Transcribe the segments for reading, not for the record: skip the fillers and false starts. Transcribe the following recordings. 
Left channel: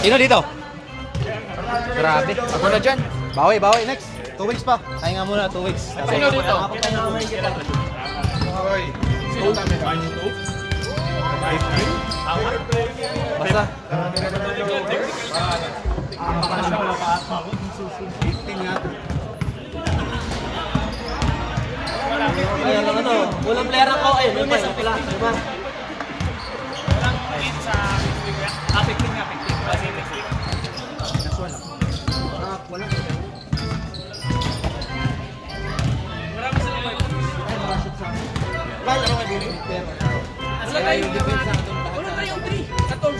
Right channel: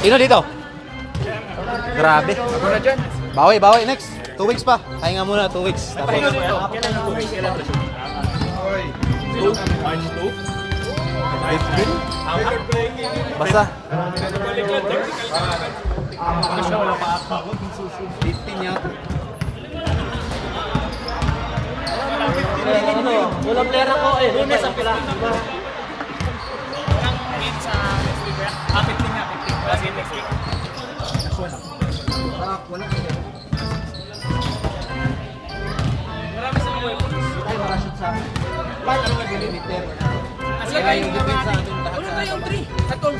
Sino dito? Grabe. Ako na dyan. Bawi, bawi. Next. 2 weeks pa. Pahinga muna, 2 weeks. Tapos. Sino dito? Basta. 15 yata. Walang player ako eh. Lunes ang pilang. Wala tayong 3. Katol.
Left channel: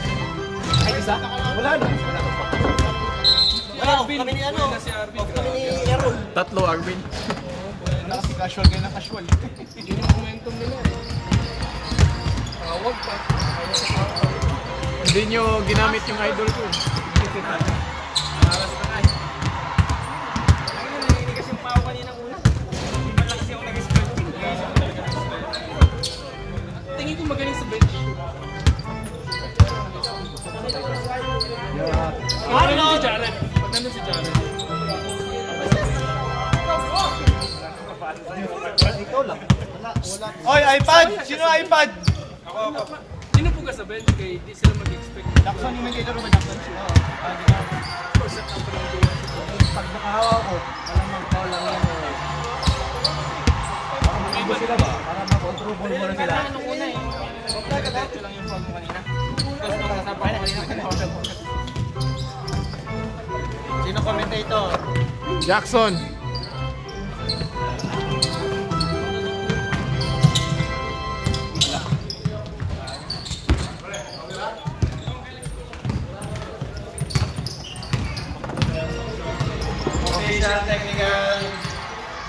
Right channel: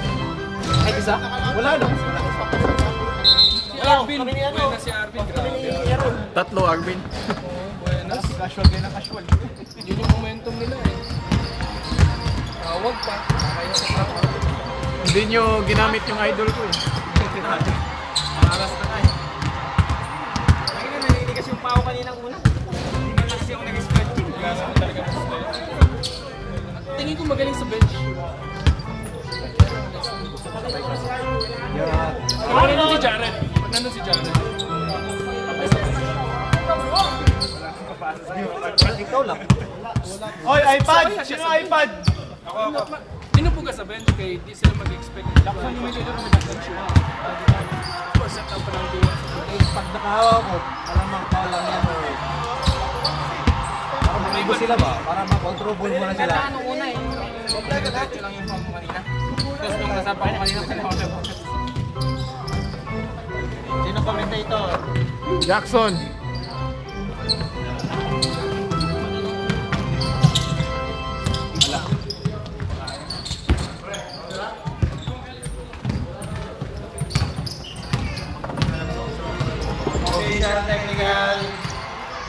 Ay, isa? Wala na. Arvin. Buena si Arvin. Tatlo, Arvin. Casual kayo na casual. Yun yung momentum nila eh. Tawag pa. Hindi nyo ginamit yung idol ko eh. Tingin ko magaling sa bench. Nandun si Jared. Nandun si Jared. Oy, iPad! Sino iPad? Ako. Sino po ka sa bench kay di sila mag-expect. Jackson, humili na naman Jackson siya. Pag nakahawak ko, alam mo, lang yan. Ako sila ba? Para ma-control ball mo na sila. Sino commentator? Jackson.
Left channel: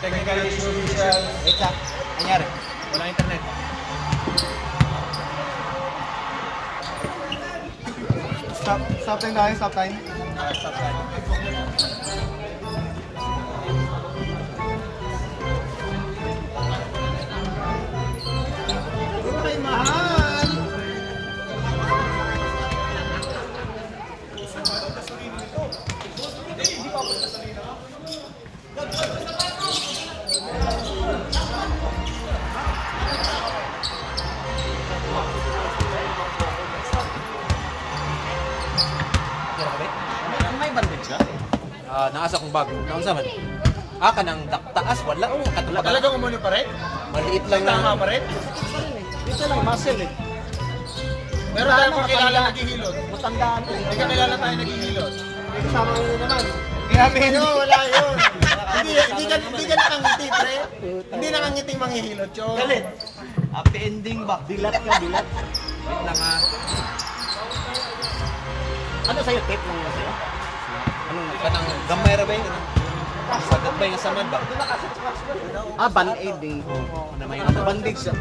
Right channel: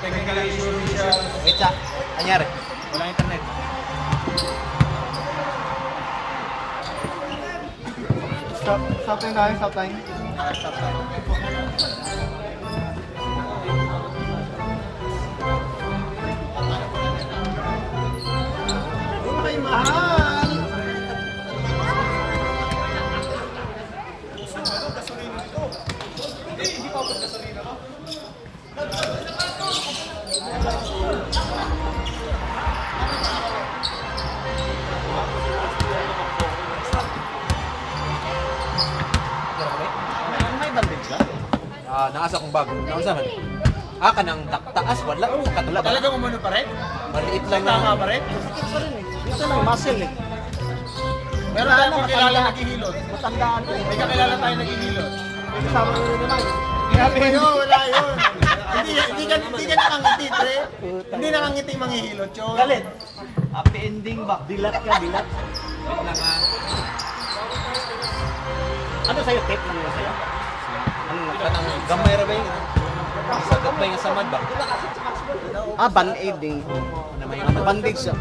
Technical issues. Wait lang. Anyari? Wala internet. Stop time tayo, stop time. Stop time. Ay, mahal! May bandage ka? Naasa kong bag. Naasa man? Kanang taas, wala. Katulad. Talagang umano pa rin? Maliit lang Tama na. pa rin? Dito lang, muscle eh. Pero Wala tayo na, kung kilala matanda. naghihilot. Matandaan na eh. Hindi ka kilala tayo naghihilot. Kasama ko naman. Grabe yun, wala yun. Hindi ka nakangiti, pre. Hindi nakangiti manghihilot, yun. Galit. Happy ending ba? Dilat ka, dilat. Wait lang Ano sa'yo? Tape lang yun sa'yo? Anong kanang gamay ra ba yun? Sa gamay nga samad ba? Band-aid din. Bandage siya.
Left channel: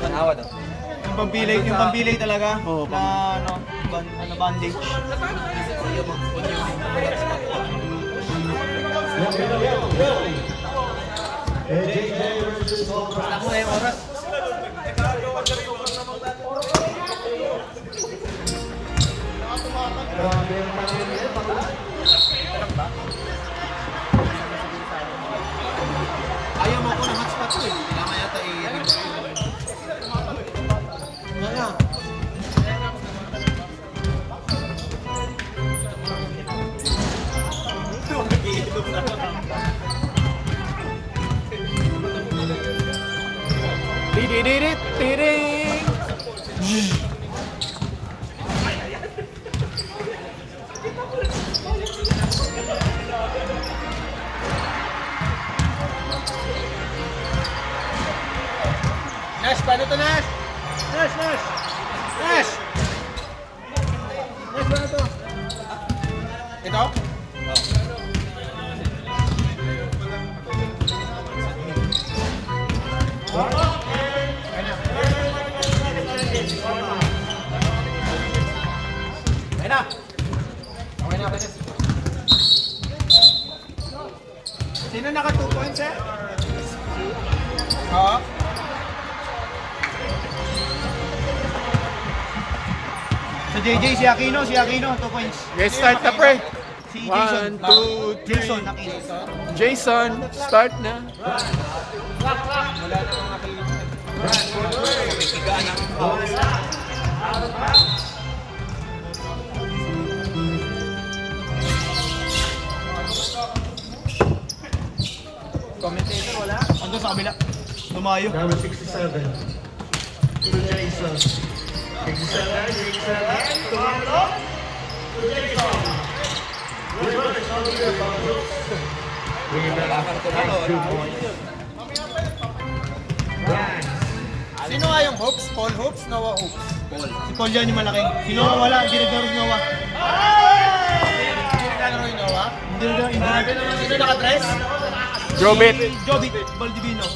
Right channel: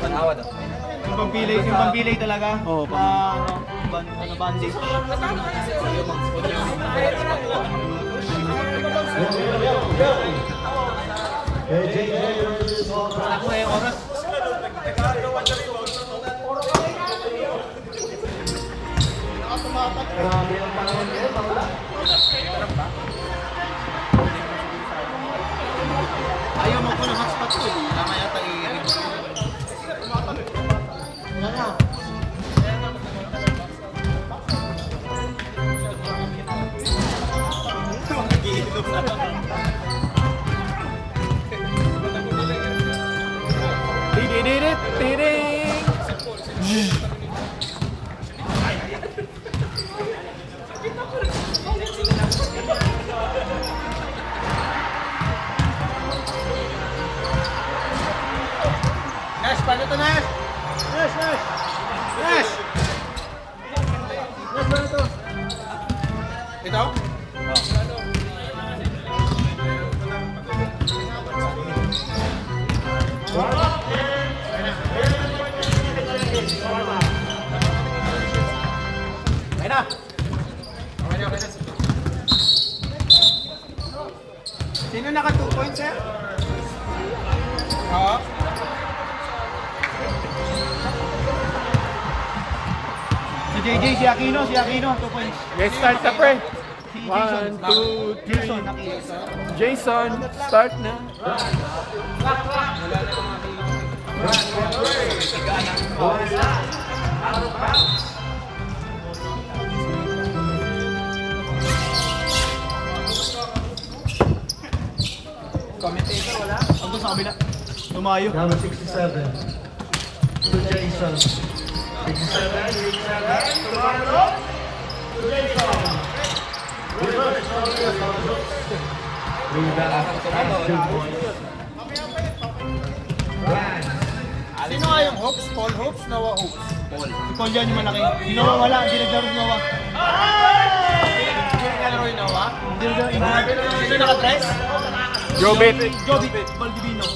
Pag-awad ah. Yung pambilay talaga. Oo, Na bandage. Sa'yo mag-punyo. Ako na yung oras. Ayaw mo ko ng hotspot ko. Kailangan yata i-review. Nes, paano to, Nes? Nes! Nes, paano to? Ito? Okay na. Sino naka 2 points, eh? Ha? So JJ, si Aquino, 2 points. Yes, start na pre. Si Jason. 1, 2, 3. Jason, Aquino. Jason, start na. Ando sa kabila. Lumayo. Number 67. To Jason. 2 points. Sino nga yung hooks? Paul Hooks? Noah Hooks? Paul. Si Paul yan yung malaki. Sino wala? Hindi naglaro si Noah. Hindi naglaro si Noah? Hindi naglaro. Sino nakadress? Jobit. Jobit. Valdivino.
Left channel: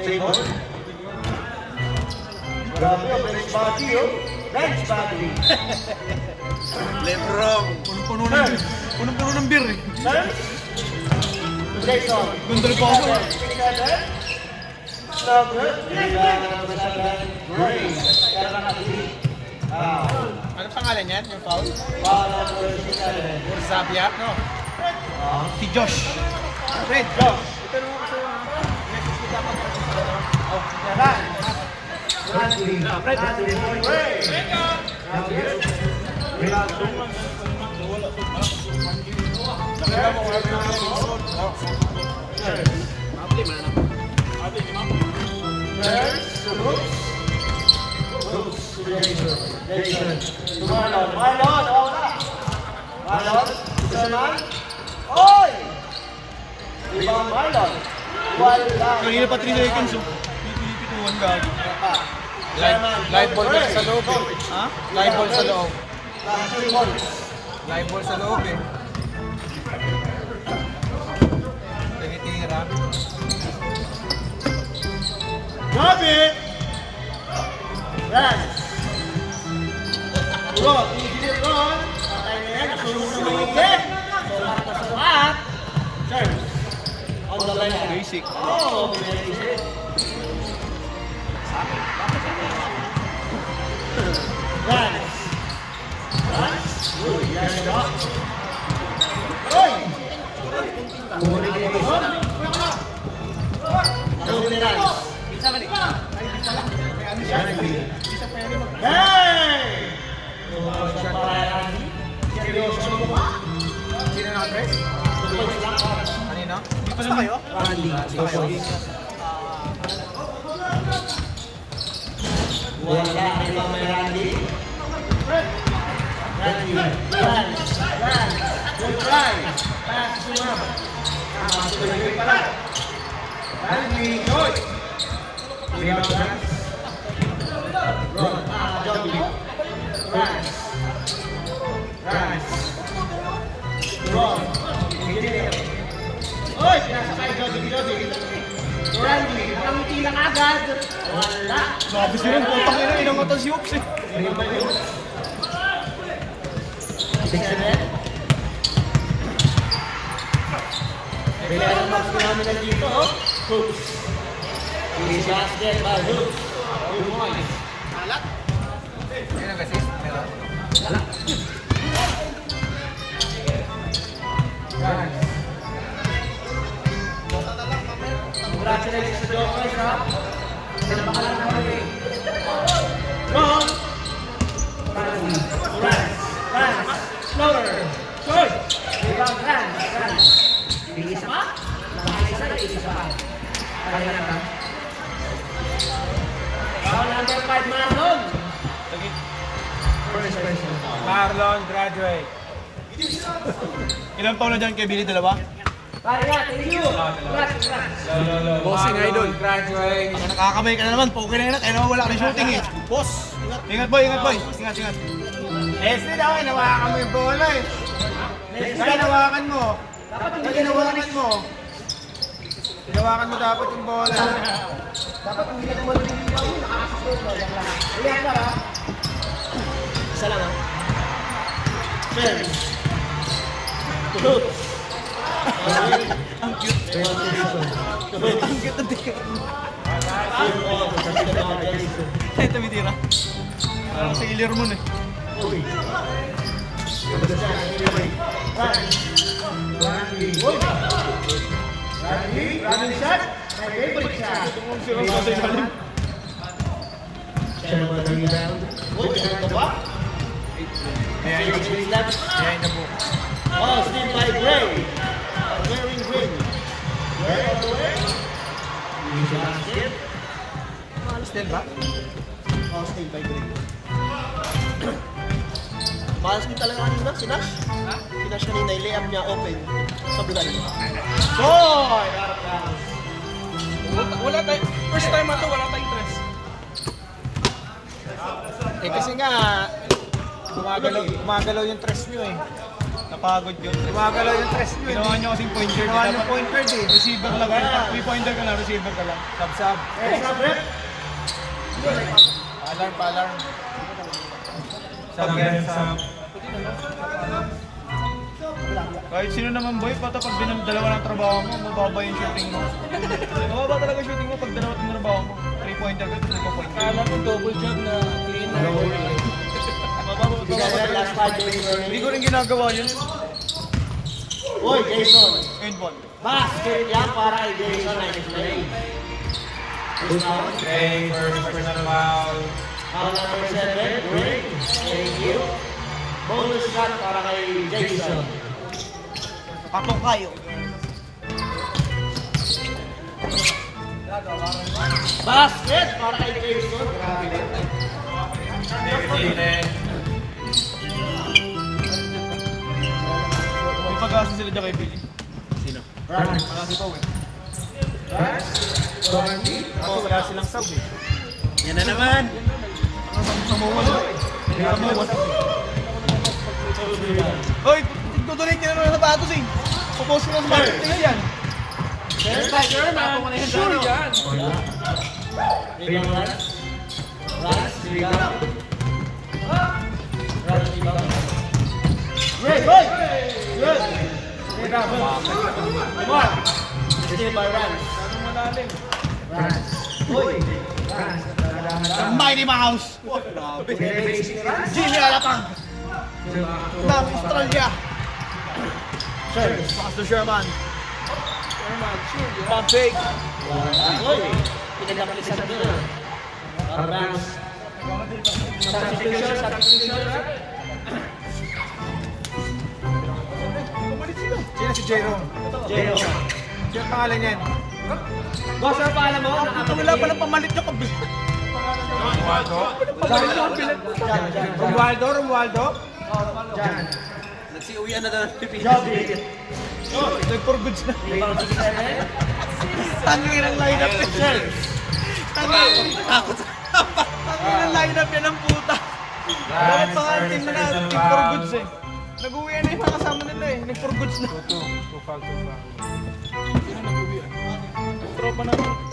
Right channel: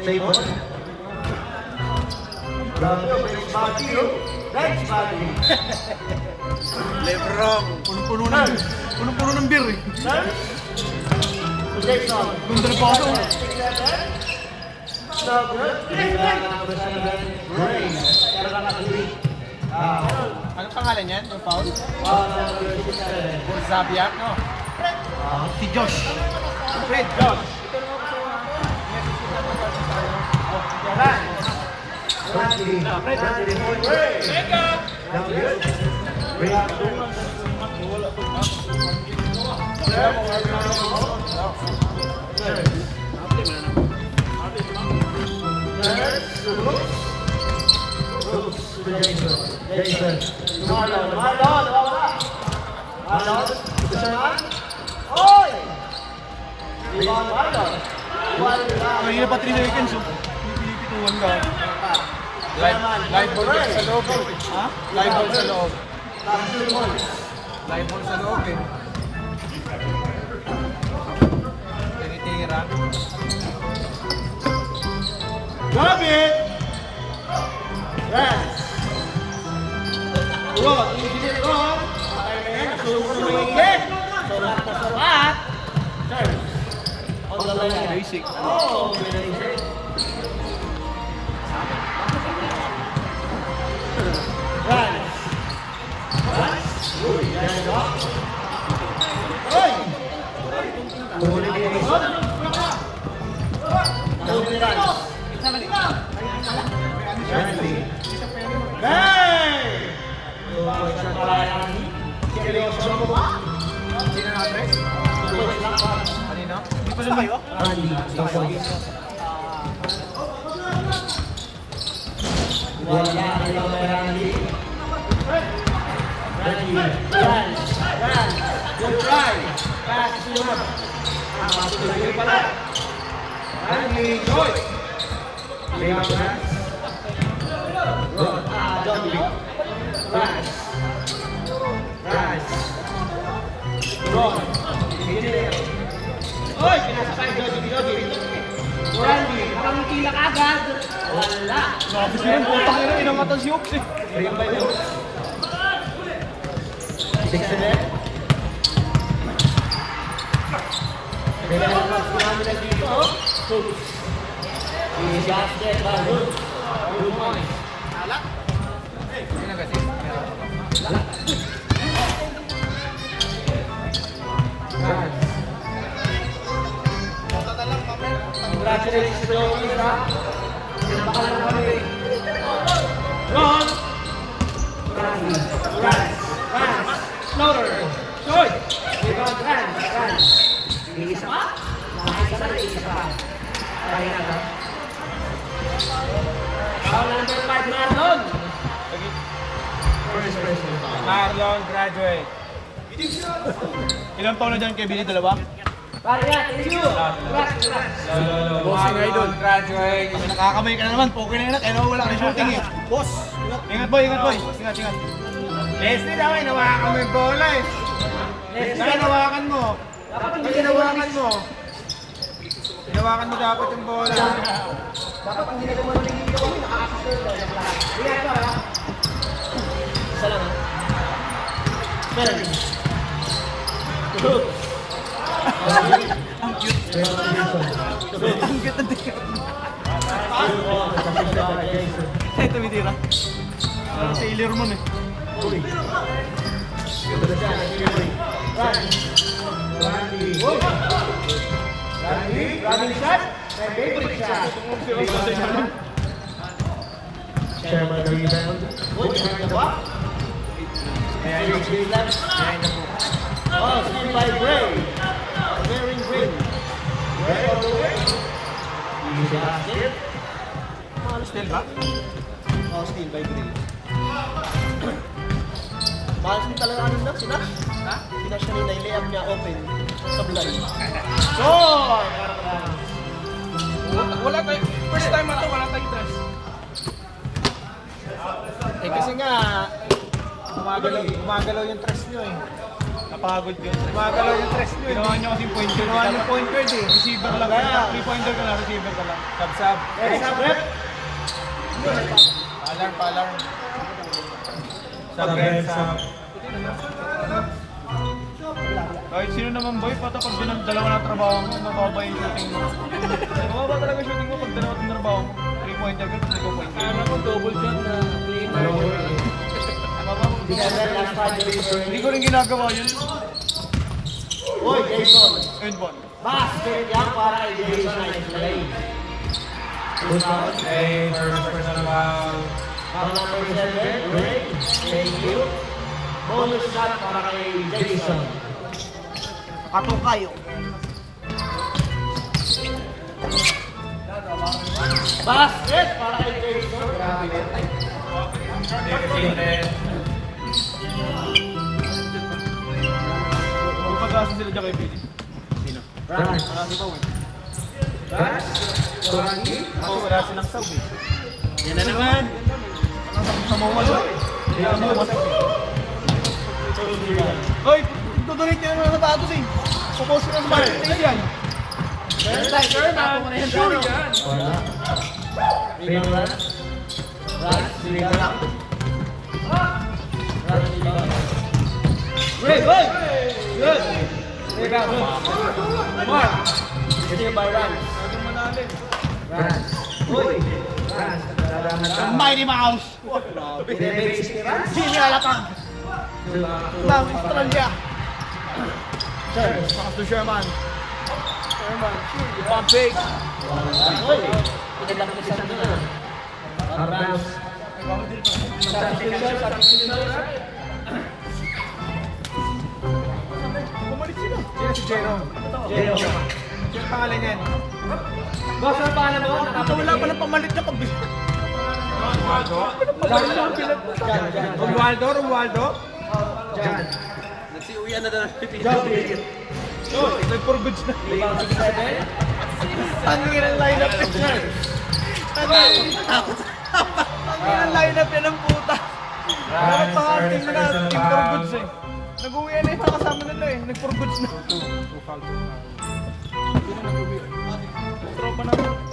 Table. Bench body. Lebron. Punong-puno ng beer eh. Jason. Gundal pa ako. Ano pangalan niya? Yung foul? Zabiat, no? Si Josh. Fred, Josh. Ito naman ako Jason. kanina pa 3 seconds, oh. Pinipituan ka. Live ball sa loob eh. Ha? Live ball sa loob. Live ball sa loob eh. Tinitira. Drop it! Run! Ron, inigilid Ron. Patay na yan. Susunod din. Sulat na sulat. Serve. On the line. Basic. Oh, very easy. Run. Run. Good. Yan mo ba? Oy! Kukunin kayo ni Ron. Kukunin ni Ron. Hey! Seryoso mo ba? Sino naka-press? Kanina? Di pa kayo? Randy, 2 points. Randy. Run. Good try. Pass to him. Tuloy pala. Randy, good. Ron. Johnny. Rise. Rise. Ron. Engineer. Oy, pinasakay Johnny. Randy, nakangiti na kagad. Wala. Nakabis nyo yung putang ina. Ilang katal si Hooks eh. 6 and 10. Kailangan mas kami na dito. Hooks. He's got that by Hooks. 2 points. Sino kasi? Meron. Congratulations to Jokers, ha? Baka lang kami. Ron! Rans! Slaughter! Good! Rebound, Rans! Isa pa? Nakakisa na, isa pa. Ay, na. Foul number 5, Marlon! First person. Marlon, graduate. Ilang taon na dyan kay Billy? 2? Pare, thank you! Congrats! Bossing idol. Graduate. Nakakamay ka na naman. Poker na yan. Kaya naman wala ka na shooting eh. Boss! Ingat boy, ingat boy. Ingat. Leslie daw, hinawakan mo yung bola eh. Leslie, hinawakan mo. Ay, hinawakan mo. Hinawakan mo dapat yung bola. Dapat ang ginagawa ng Isa lang ha. Service. Hoops. Ang cute ng tingin. Sa'yo tumitira. Parang sa ilir mo eh. Running shot. My favorite shot. Sherman the rebound. Oh, steal by Gray. Green. Gray all the way. Basket. Still ba? Oh, steal by Green. Mahal din talaga ano na, si Nash. Si Nash kanina, i-layup niya open sa blind. Wala tayo. First time ito, wala tayong dress. Eh kasi nga, gumagalaw yung tres nyo eh. Napagod yun. Gumagalaw yung tres nyo eh. Ginawa niyo kasi point guard. Ginawa nyo point guard eh. Receiver lang. Kaya, 3-pointer ka lang, receiver ka lang. Sab-sab. extra rep. Palang. Sab. Kahit sino naman boy, pata pag dalawa na trabaho mo, mababa yung shooting mo. Mababa talaga yung shooting mo pag dalawa na trabaho mo. 3-pointer ka, 3-pointer. Kala ko double shot na 3-9. Hindi ko rin ginagawa yun. Uy, Jason. And one. Basket yan para kay Jason Play. Foul number 7, Greg. Thank you. Bonus shot para kay Jason. Katong kayo. Basket para kay Jason. Grabe na. May pag-asa sila dyan kay Billy. Run. Ako wala silang sab eh. Yan na naman. Hoy! Tutuloy niyo ng sapatos eh! Pupost ko ng sapatos. Tingnan yan! Sure yan! Great, boy! Good! Mighty Mouse! Jimmy Alapang! Dami Australia! Pass to Sherman. Pampig! Sino si Jeron? Sino pangalan niyan? Boss, ano pa alam mo? Wala pala pamalit na kabis. Romualdo? Nagsiuwian na daw ng Pilipinas. Nag-for goods na. Tangin ang lineup ko siya. Tangin ang lineup yan ng puta. Dapat pangatin mo na yung for goods eh. Nag-uwi na yung mga kasama nila eh. Nag-for goods na.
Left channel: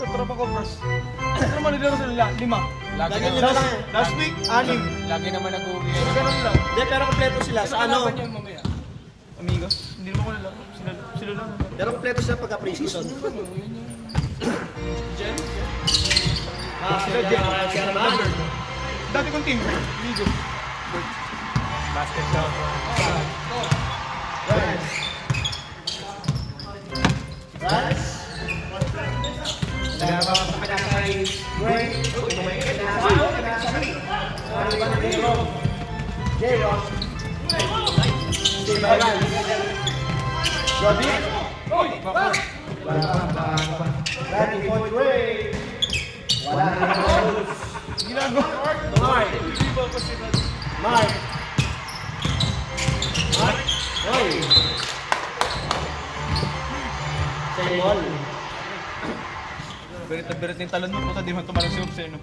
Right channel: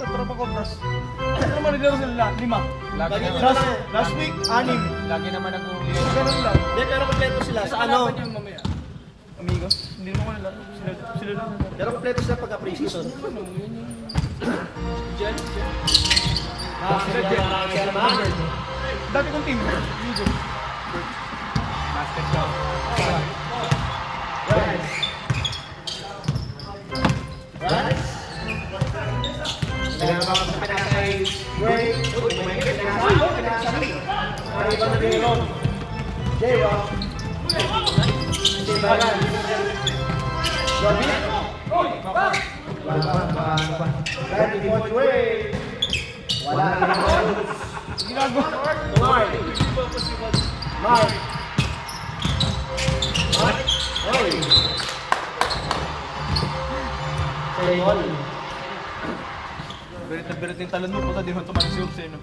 Tropa ko, bros. Ano naman nilaro sila? 5. Last week, 6. Lagi naman nag-uwi. Ganun lang. Hindi, pero kompleto sila. Sa ano? Mamaya. Amigos, hindi naman ko nilaro. Sila lang. Pero kompleto sila pagka pre-season. Sherman. Dati kong team. Legion. Nagabang sa pinakay Gray. Arriba na J-Rock. J-Rock. Wala pa, nakaano pa. Daddy for Gray. Wala na Mark. Hey. Say all. Berit na berit yung talon mo. Puta, di man tumalang si Ups eh, no?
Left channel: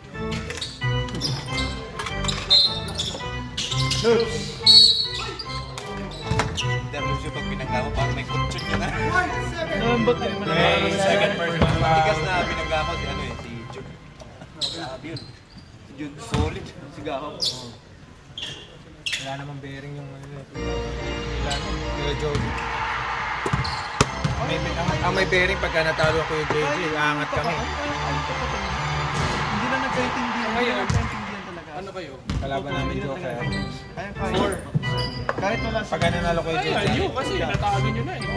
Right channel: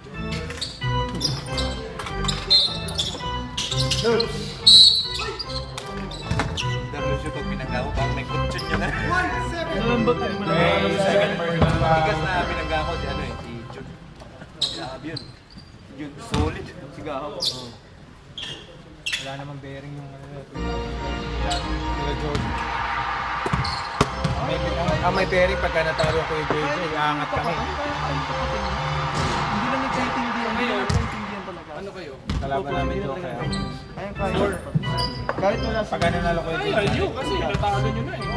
Daro siya pag pinanggawa, parang may kutsyon niya na. Nalambot na naman ang second person. Tigas na pinanggawa ko si ano eh, si Jude. Grabe yun. Yun, solid. Sigaw. Wala namang bearing yung ano na. Medyo. May bearing pagka natalo ko yung JJ, aangat kami. Hindi na nagkaintindihan. Hindi na nagkaintindihan talaga. Ano kayo? Kalaban namin Joker. Kaya. Kahit wala sa... Pagka nanalo ko yung JJ. Ayun, kasi natalo nyo na eh.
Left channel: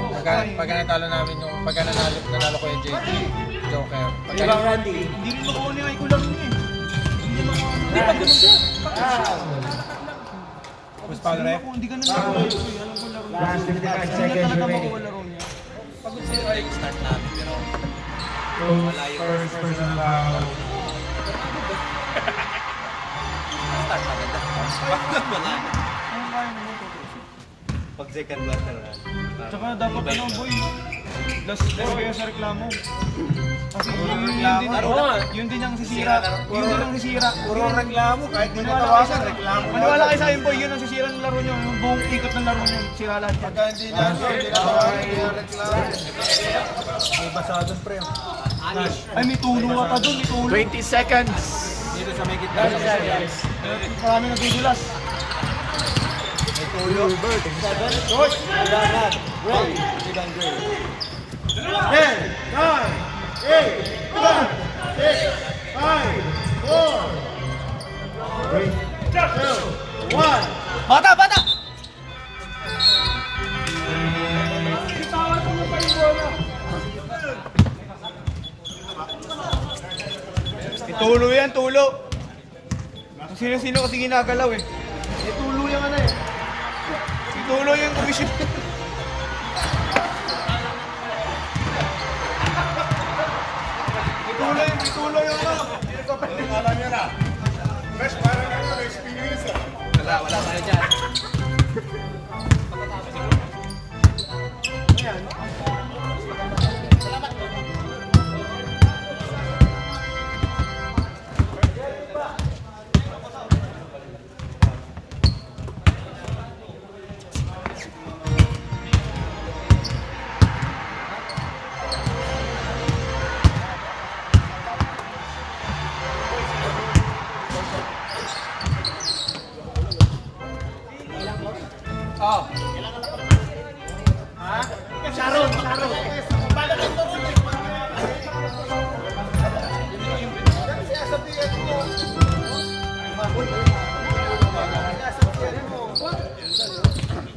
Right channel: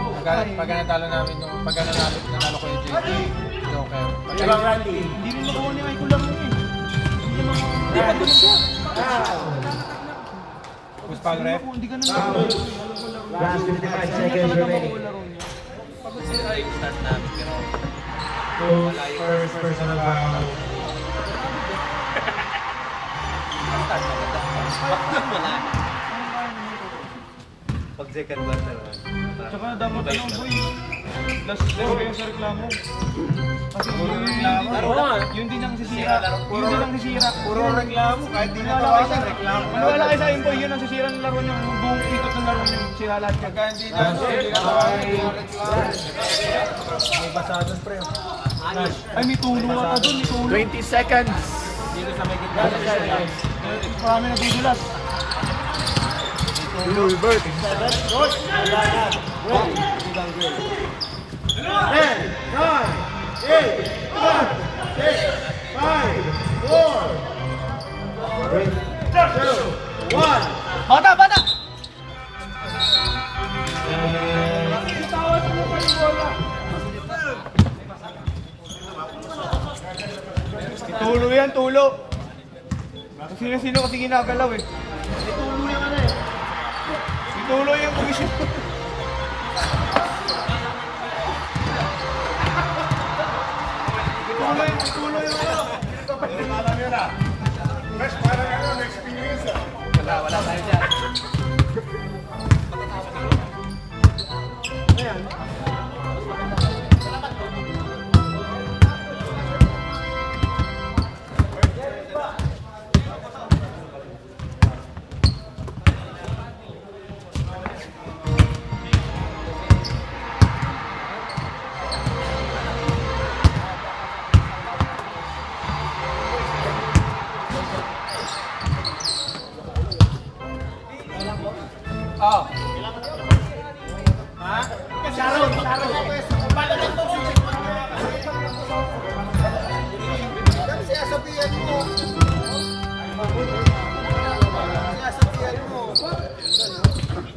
Pagka natalo namin yung, pagka nanalo ko yung JJ, Joker. Ilang Randy. Hindi rin makuha ni Aiko lang yun eh. Hindi pa ganun siya. Push foul ref. Hindi ganun lang. Last 55 seconds remaining. Pagod sila yung start namin, pero First personal foul. start maganda. Wala na. Pag second quarter na. Tsaka dapat na lang boy. Last kayo sa reklamo. Kasi yun din ang sisira. Yun din ang sisira. Puro reklamo, kahit di natawasan, reklamo. Wala kayo sa akin boy, yun ang sisira ng laro nyo. Yung buong ikot ng laro nyo. Sira lahat yan. Pagka hindi natawasan, yung reklamo. May basa doon, pre. Ay may tulo ka doon, may tulo. 20 seconds. Dito sa may gitna sa sideline. Marami nagugulas. Bata, bata! Tulo yan, tulo. Sino-sino kasi ginagalaw eh. Tulo yung ano eh. Tulo yung komisyon. Tulo yung ano. Wala tayo dyan.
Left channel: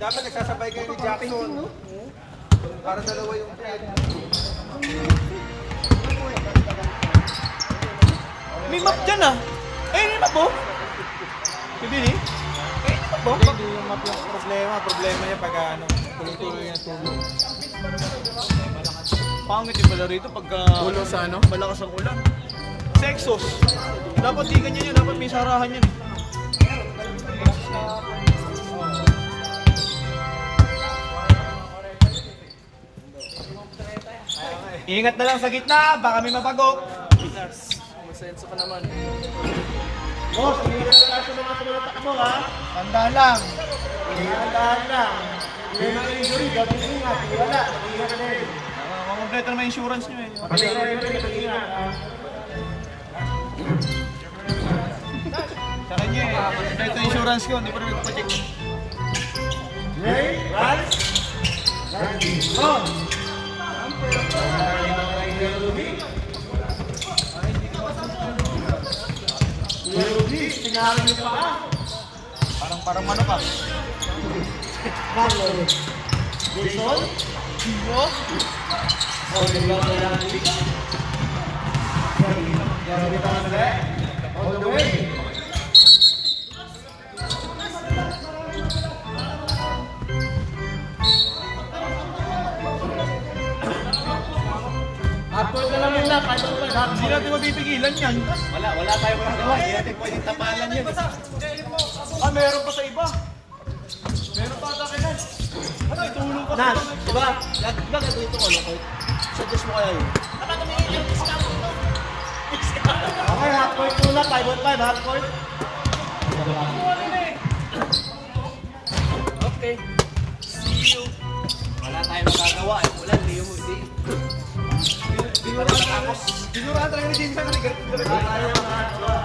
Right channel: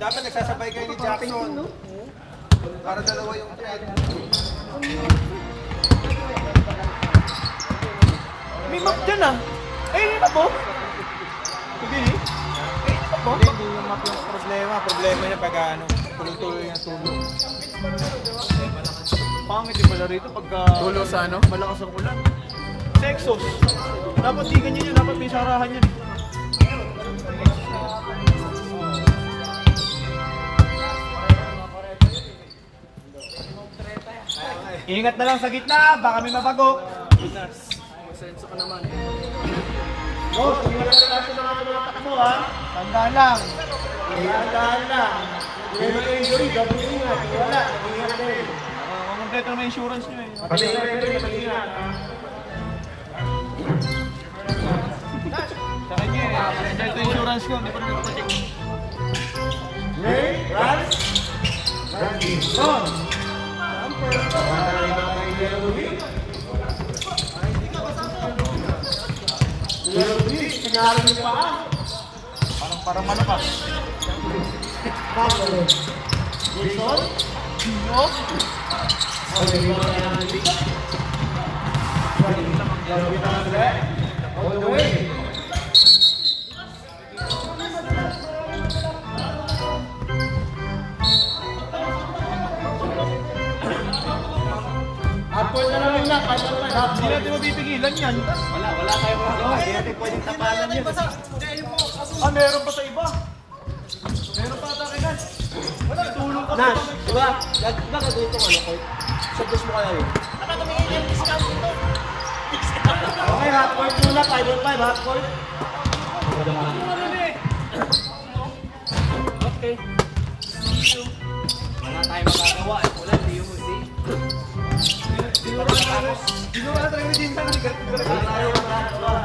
Dapat nagsasabay kayo ni Jackson. Para dalawa yung trade. May map dyan ah. Eh, yun na po. Hindi eh. Hindi yung map yung problema. Problema yan pag ano, tuloy-tuloy yung tulog. Pangit yung pala rito pagka Tulo sa ano? malakas ang ulan. Sa exhaust. Dapat di ganyan yun. Dapat may sarahan yan. Ingat na lang sa gitna. Baka may mabago. Masenso ka naman. Boss, hindi ka na sa mga tumatak mo, ha? Tandaan lang. Iyandahan lang. Hindi mo injury, gabing ingat. Wala, ingat ka din. Kompleto naman insurance nyo eh. Pati ka rin, mag-ingat. Sa kanya eh. Kompleto insurance ko. Hindi pa rin nagtatik. Ready? Right? Randy, go! Parang mano ka. On the way. Upward na lang nila, Hindi natin mapipigilan yan. Wala tayo magawa. Hindi natin pwedeng tapalan yan. Ah, meron pa sa iba. Meron pa sa akin. Wala, tulong pa sa Nash, iba. diba? Diba ka dito ko, Lokoy? Suggest mo kaya yun? Okay, half court muna, 5-on-5, half court. Okay. Wala tayong magagawa. Wala, hindi yung hindi. Siguro ata yung team pa na Tayo magagawa.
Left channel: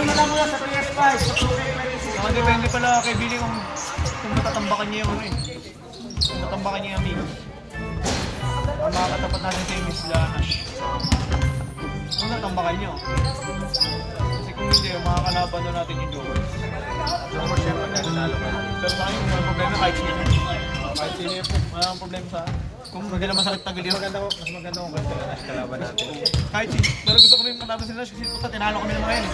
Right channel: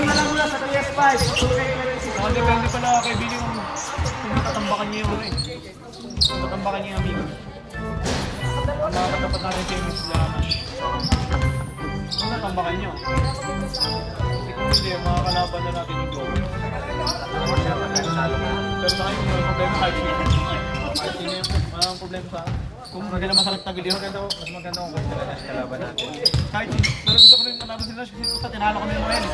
Kalma lang mula sa PS5. Depende pala kay Billy kung matatambakan niya yung ano eh. Kung matatambakan niya yung amigo. Ang mga katapat natin kay Miss Lanash. Kung natambakan niyo. Kasi kung hindi, ang mga kalaban na natin yung Joe. Pero sa akin, yung problema kahit sino. Kahit sino yung ang problema sa akin. Kung maganda masakit na giliw, mas maganda kung ganito na kalaban natin. Kahit sino. Pero gusto ko rin kalaban sila kasi tinalo kami ng ngayon.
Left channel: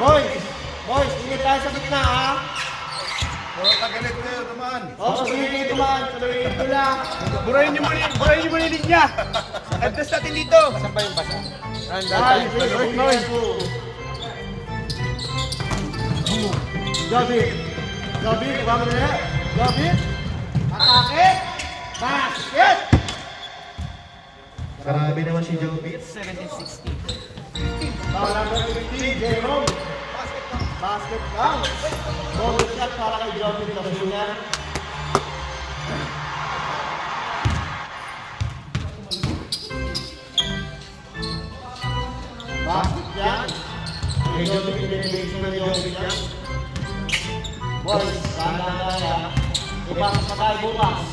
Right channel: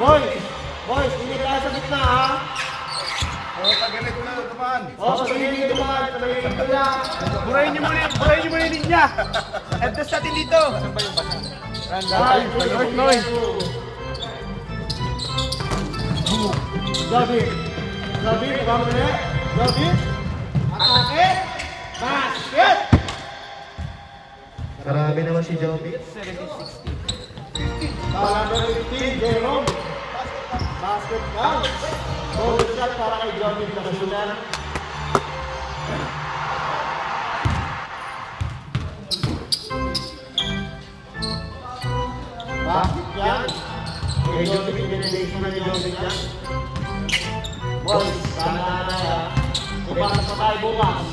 Boys, hindi tayo sa gitna ha. Burahin niyo muna yung linya. Adjust natin dito. Gabi, kama na yan. Gabi, atake, basket! Grabe naman si Joby. 17-16. Para na 15, Jerome. Basket bang. Ball shot para kay Joby Pagasunan. Basket yan. Kay Joby, pinag-base mo ni Joby yan. Boys, sana na kaya. Ipasok sa tayo bukas.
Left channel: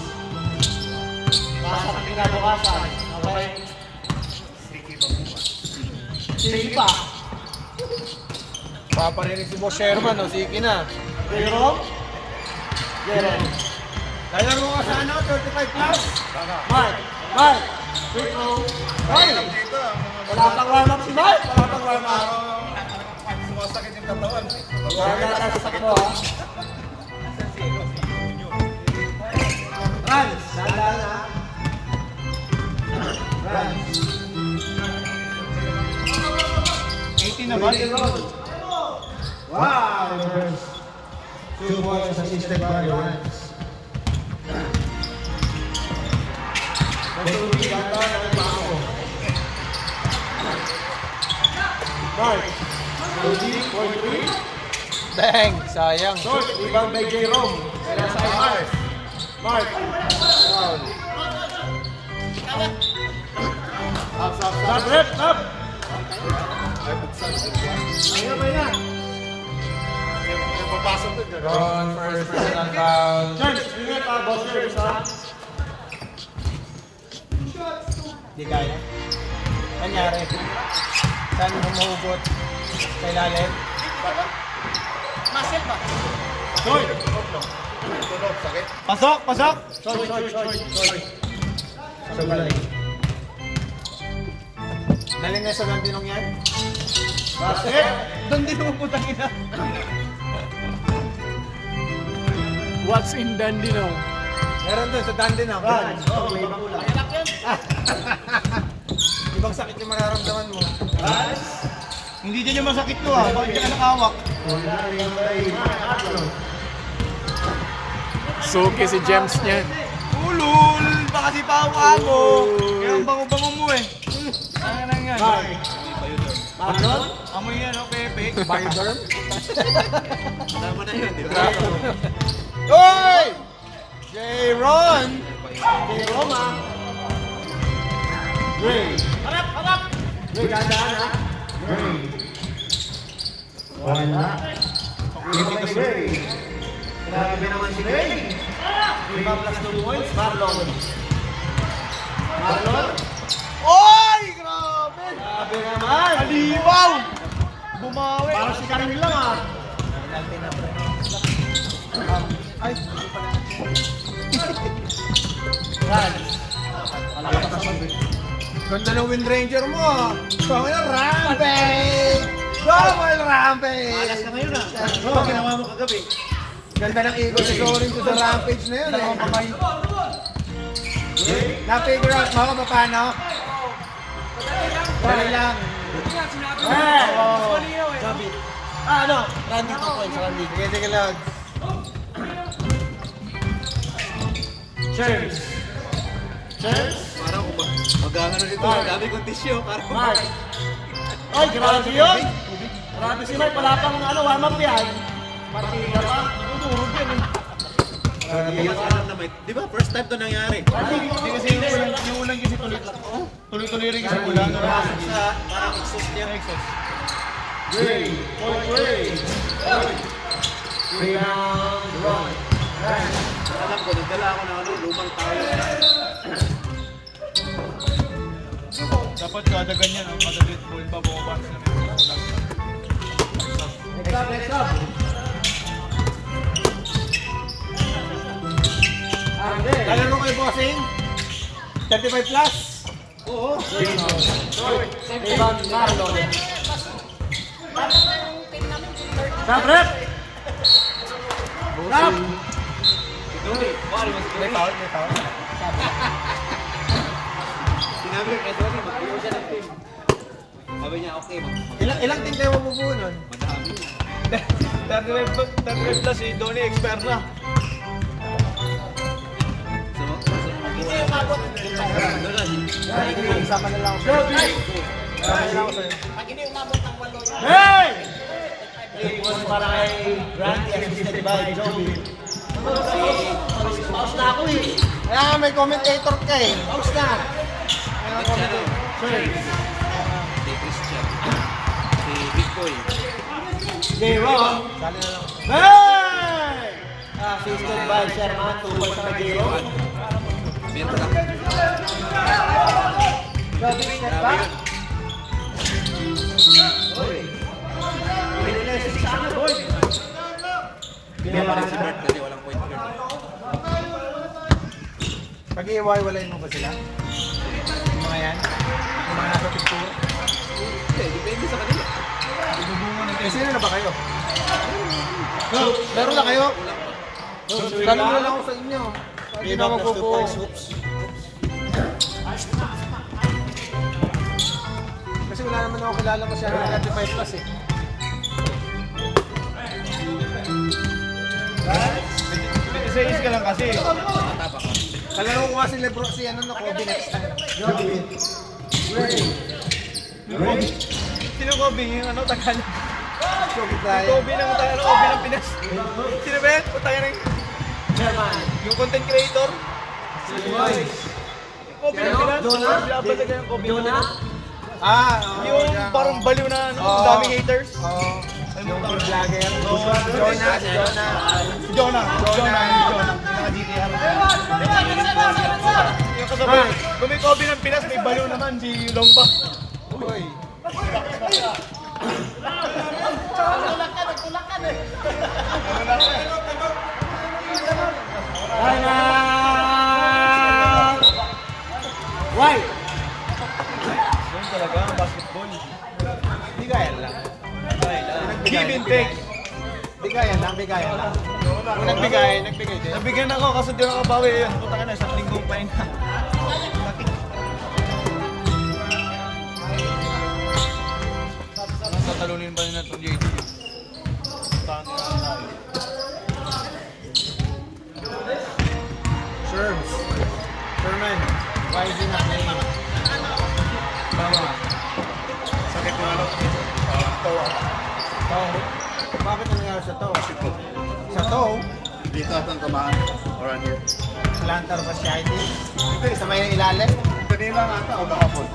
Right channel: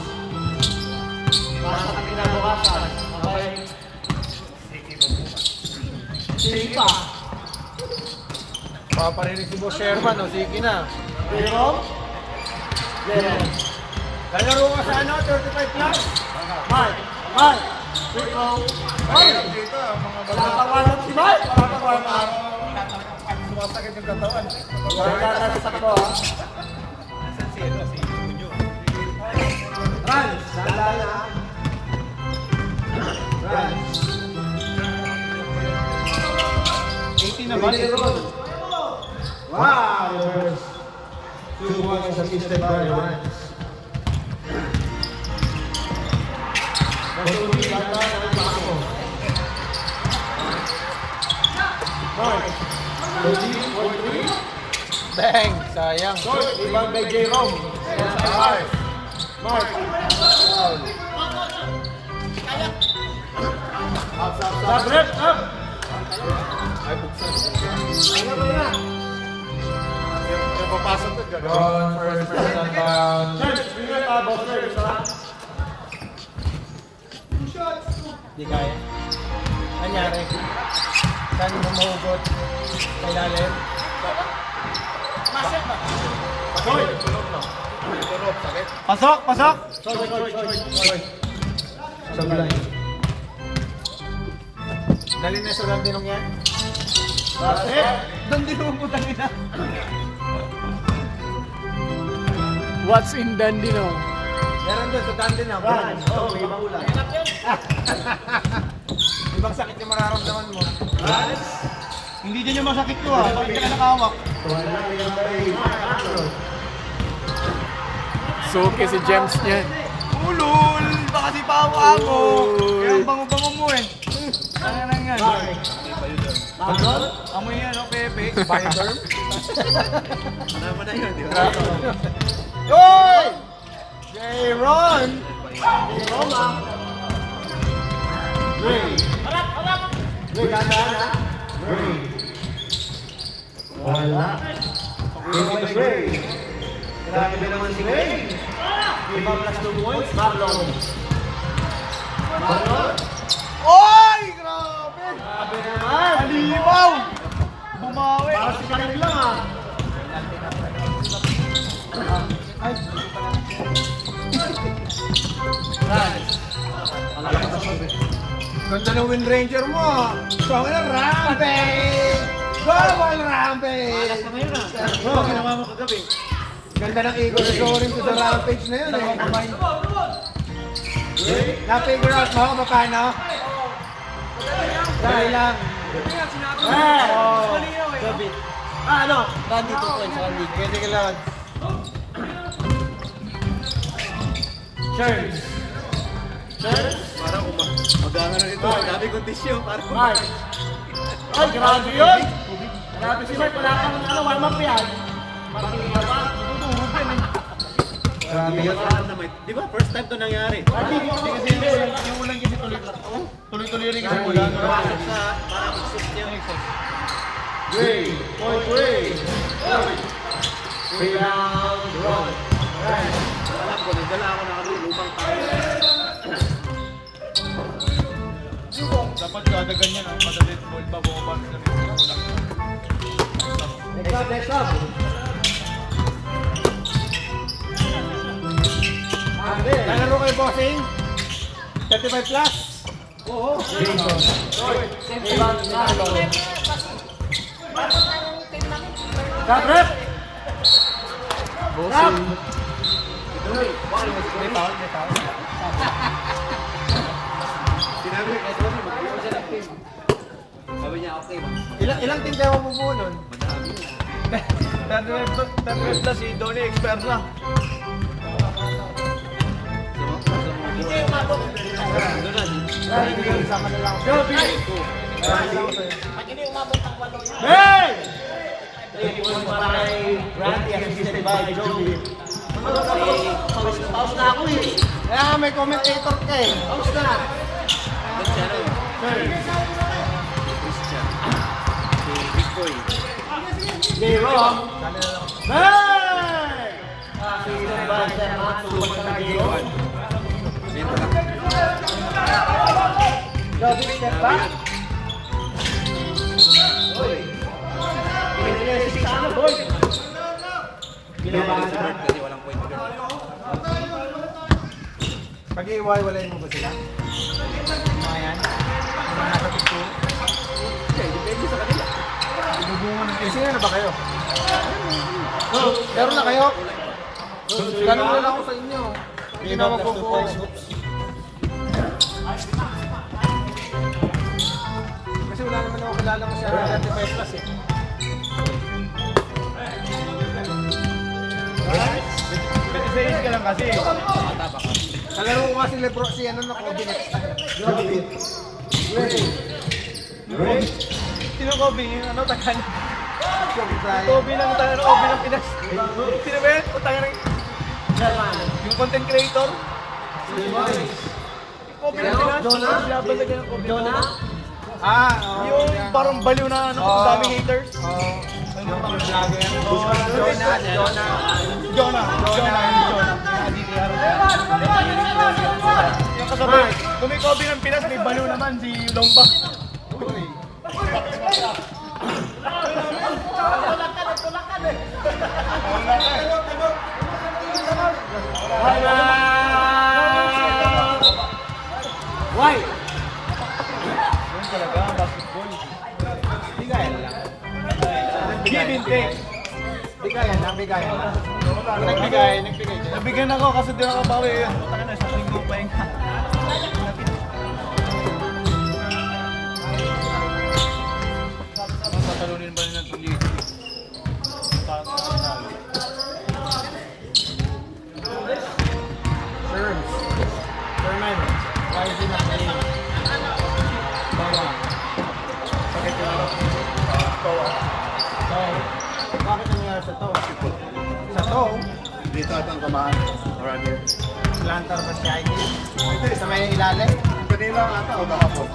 Ipasok sa kinabukasan. Okay? Sige pa. Paparinig si Boss Sherman, o sige na. Pero, lalaro ka sana, 35 plus. Mark, free throw. Hoy! Nakakawalap si Mark. Sumasakit yung katawan. Wala na sa sakto. Runs, dala na. Runs. 18 naman. Wow, reverse. 2 points assisted by Runs. Patuloy yata ng Mamo. Mark. 14-43. Bang! Sayang. Short, rebound by Jerome. Mark. Up, rep, up. Wrong first personal foul. George, bigyan ka, boss first, ha? Di kaya. Nangyari. Saan humugot? Sa ilalim? Pasok! Pasok! Sabulay. Daling na sa landinong yan. Basket. Doon din mo putang ina. What's in Dandenong? Meron doon sa Dandenong. Runs. Oh, may ibang ulan. Ibang sakit yung mararamdaman mo. Runs. Hindi din yung masakit ko ah. Bakit ka nakawak? Suki si James niyan. Ulul! Baka si Pawa mo! Kaya ang bango-bango mo eh. Ano na yan? Amoy yan, no, Pepe? Bioderm? Tama na yun, di ba? Hoy! J-Ron! Roma. Gray. Gray, gandaan ha? Gray. Wala. Give it to Gray. Grabe na naman si Gray. Iba plus 2 points, Marlon. Marlon. Oy! Grabe! Grabe naman. Alibaw! Bumawi! Parang si Karim lang ha. Ay! Ganda ng Wind Ranger mo ah! Double Rampage! Double Rampage! Oo, ginawa mo kagabi. Ganda ng eagle scoring to the Rampage na yun eh. Na-figure out mo kung paano? Dali lang. Gabi. Ano? Randy to points, Randy. Sige lang. Cheers. Cheers. Mag-aaral na ito. Dami kong tissue. Mark. Ay, grabe yun. Grabe si Mark. Wala kang ano, hammer yan. Grabe yun. Alam na may, di ba? First time to nangyari. Hindi kasi yung ulan kasi tuloy-tuloy rin kasi ulan. Sa mga exhaust niya. Gray, point gray. Rebound, run. Right. Alam ko, nagdala ako ng ano, lumang Dapat kada ganyan, kada dead ball ba bumabas na rin. Next up. Lalaro kayo, bossing? 35 plus? Oo. Rap, rap! Rap! Sinabi kay Tony, mag-iwa siya ng team. Sabi niya, okay, Ilang team kayo mabubuo nun? madami. 35 plus si Donnie expert na. Isama na lang. Hey! Para kay Randy, assisted by Joey. Pause na ako eh. Wala nga may commentator ka eh. Pause na. Si Christian. Si Big Boy. Okay, roll on. Hey! Assisted by Sherman tulungan na kayo. Joey, step back. Pwede sa ano, boy? Ginawa si Bert kasi walang point guard. Pag-iwalay mo ba sila? Mga yan. Mga nakapit ko. Depende sa kanila. Sino na ba kayo? Laro na kayo? Tanong na lang ako sa inyo. Hindi na mapupo. Kasi wala naman ako kilala kasi 35 plus eh. Right? 26 ka lang kasi. Kalaro ko kasi Lebron si ano na Kobe next time. Joby. Ready. Sino Kobe? Yung ano, Tagalog? Kobe Bryant. Kobe ng Tagalog, Kobe ng Pinas. Sino ba yan? O Tagalog? Yung content creator? Kobe ng Pinas? Laban na ganyan Kobe. Jonah? Yung parang baliw na ano, daming haters. Jonah. Yung kasabay, kung may Kobe ng Pinas, may baliw naman si Longba. Why? Yun talaga, ang basketball. Bigayan lang. Give and take. Bigayan lang. Nagbigay din. Nabigyan ako kasi di ako bawi. Puta ka na, isang linggo pa yun. Tatalunin ba nila itong JT? Sherman. Rising McNeil. Sakit ko laro. Bakit nangyari sa to? Sa to? Dito at ang kumahan. Or ano. Slantar ba siya ID? Sa may ilalim? Kanila ata o kahapon.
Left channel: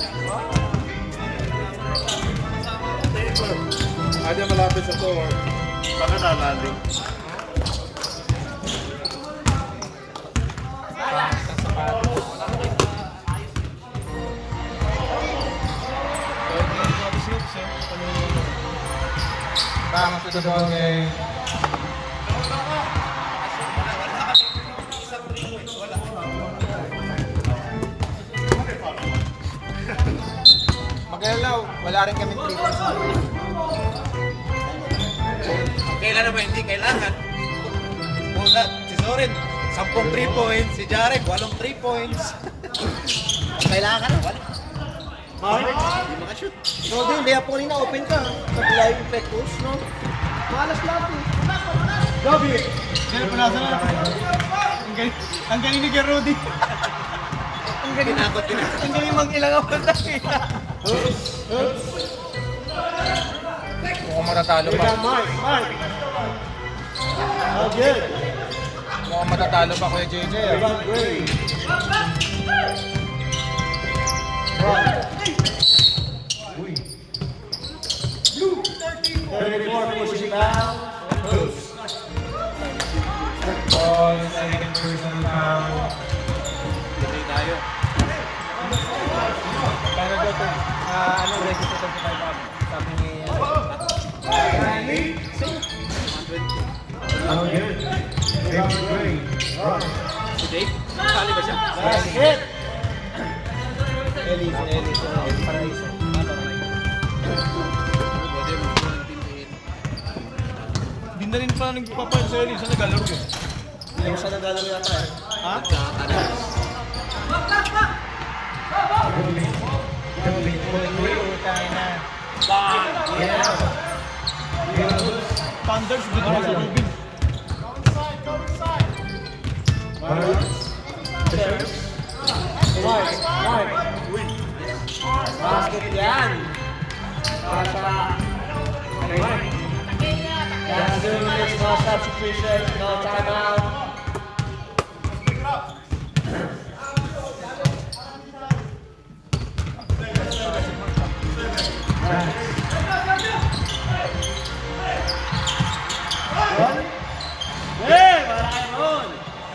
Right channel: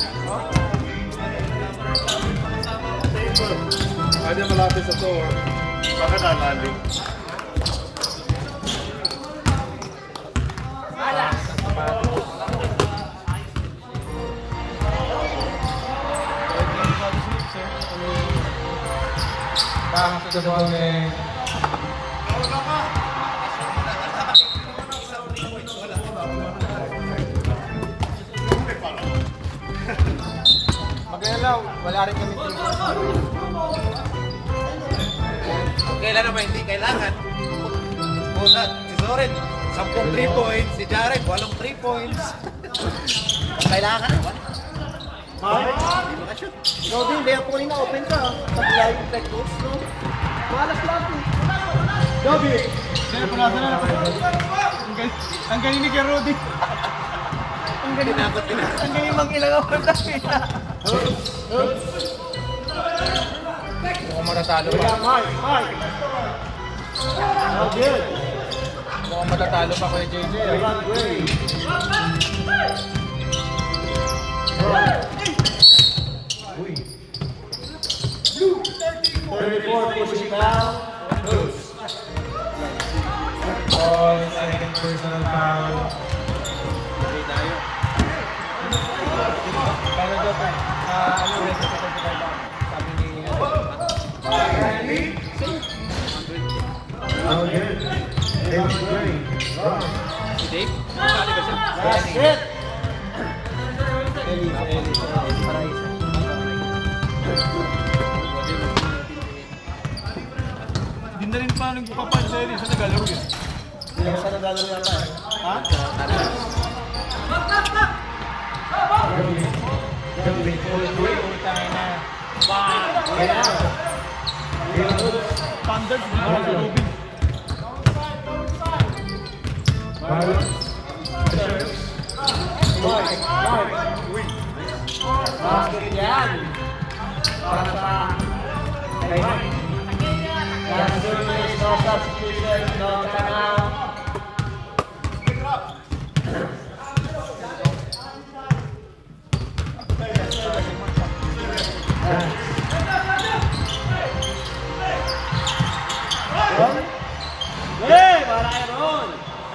Ada malapit sa to or baka nalalim. Bakit ito daw eh? Magalaw, wala rin kami trigger. Kailan naman hindi kailangan. Bulat, si Soren, 10 3 points. Si Jarek, 8 3 points. Kailangan na, wala. Bakit? Hindi makashoot. No, hindi ako rin na-open ka. Nag-live effect coach, no? Walas lahat eh. Gabi! Sino pa nasa na? Ang galing ni Gerudi. Ang galing. Ang galing mag-ilang ako ng tayo. Mukhang matatalo pa. Mike! Okay. Mukhang matatalo pa kay JJ. Second personal foul. Hindi tayo. Pero doon, ano ulit ito sa sabi ni... Si Dave? Sali ba siya? Ganda rin pa nagpapal sa Ellie. Saan naglalaro yun? Ha? Thunders, di ba sa Rubin?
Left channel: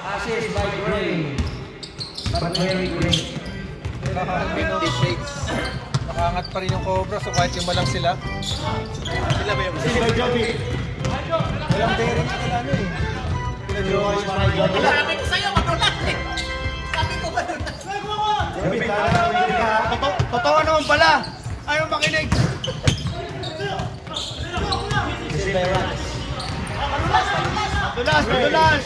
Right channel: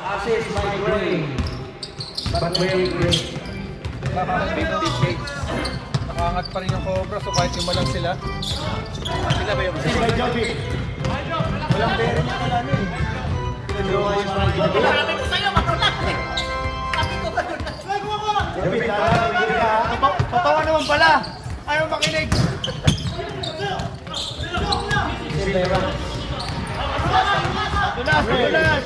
Assist by Gray. But very great. 50 shades. Nakangat pa rin yung Cobra, so kahit yung malang sila. Sila ba yung Walang bearing yung kalano eh. Sabi ko sa'yo, magulat eh. Totoo naman pala. Ayaw makinig. Dulas!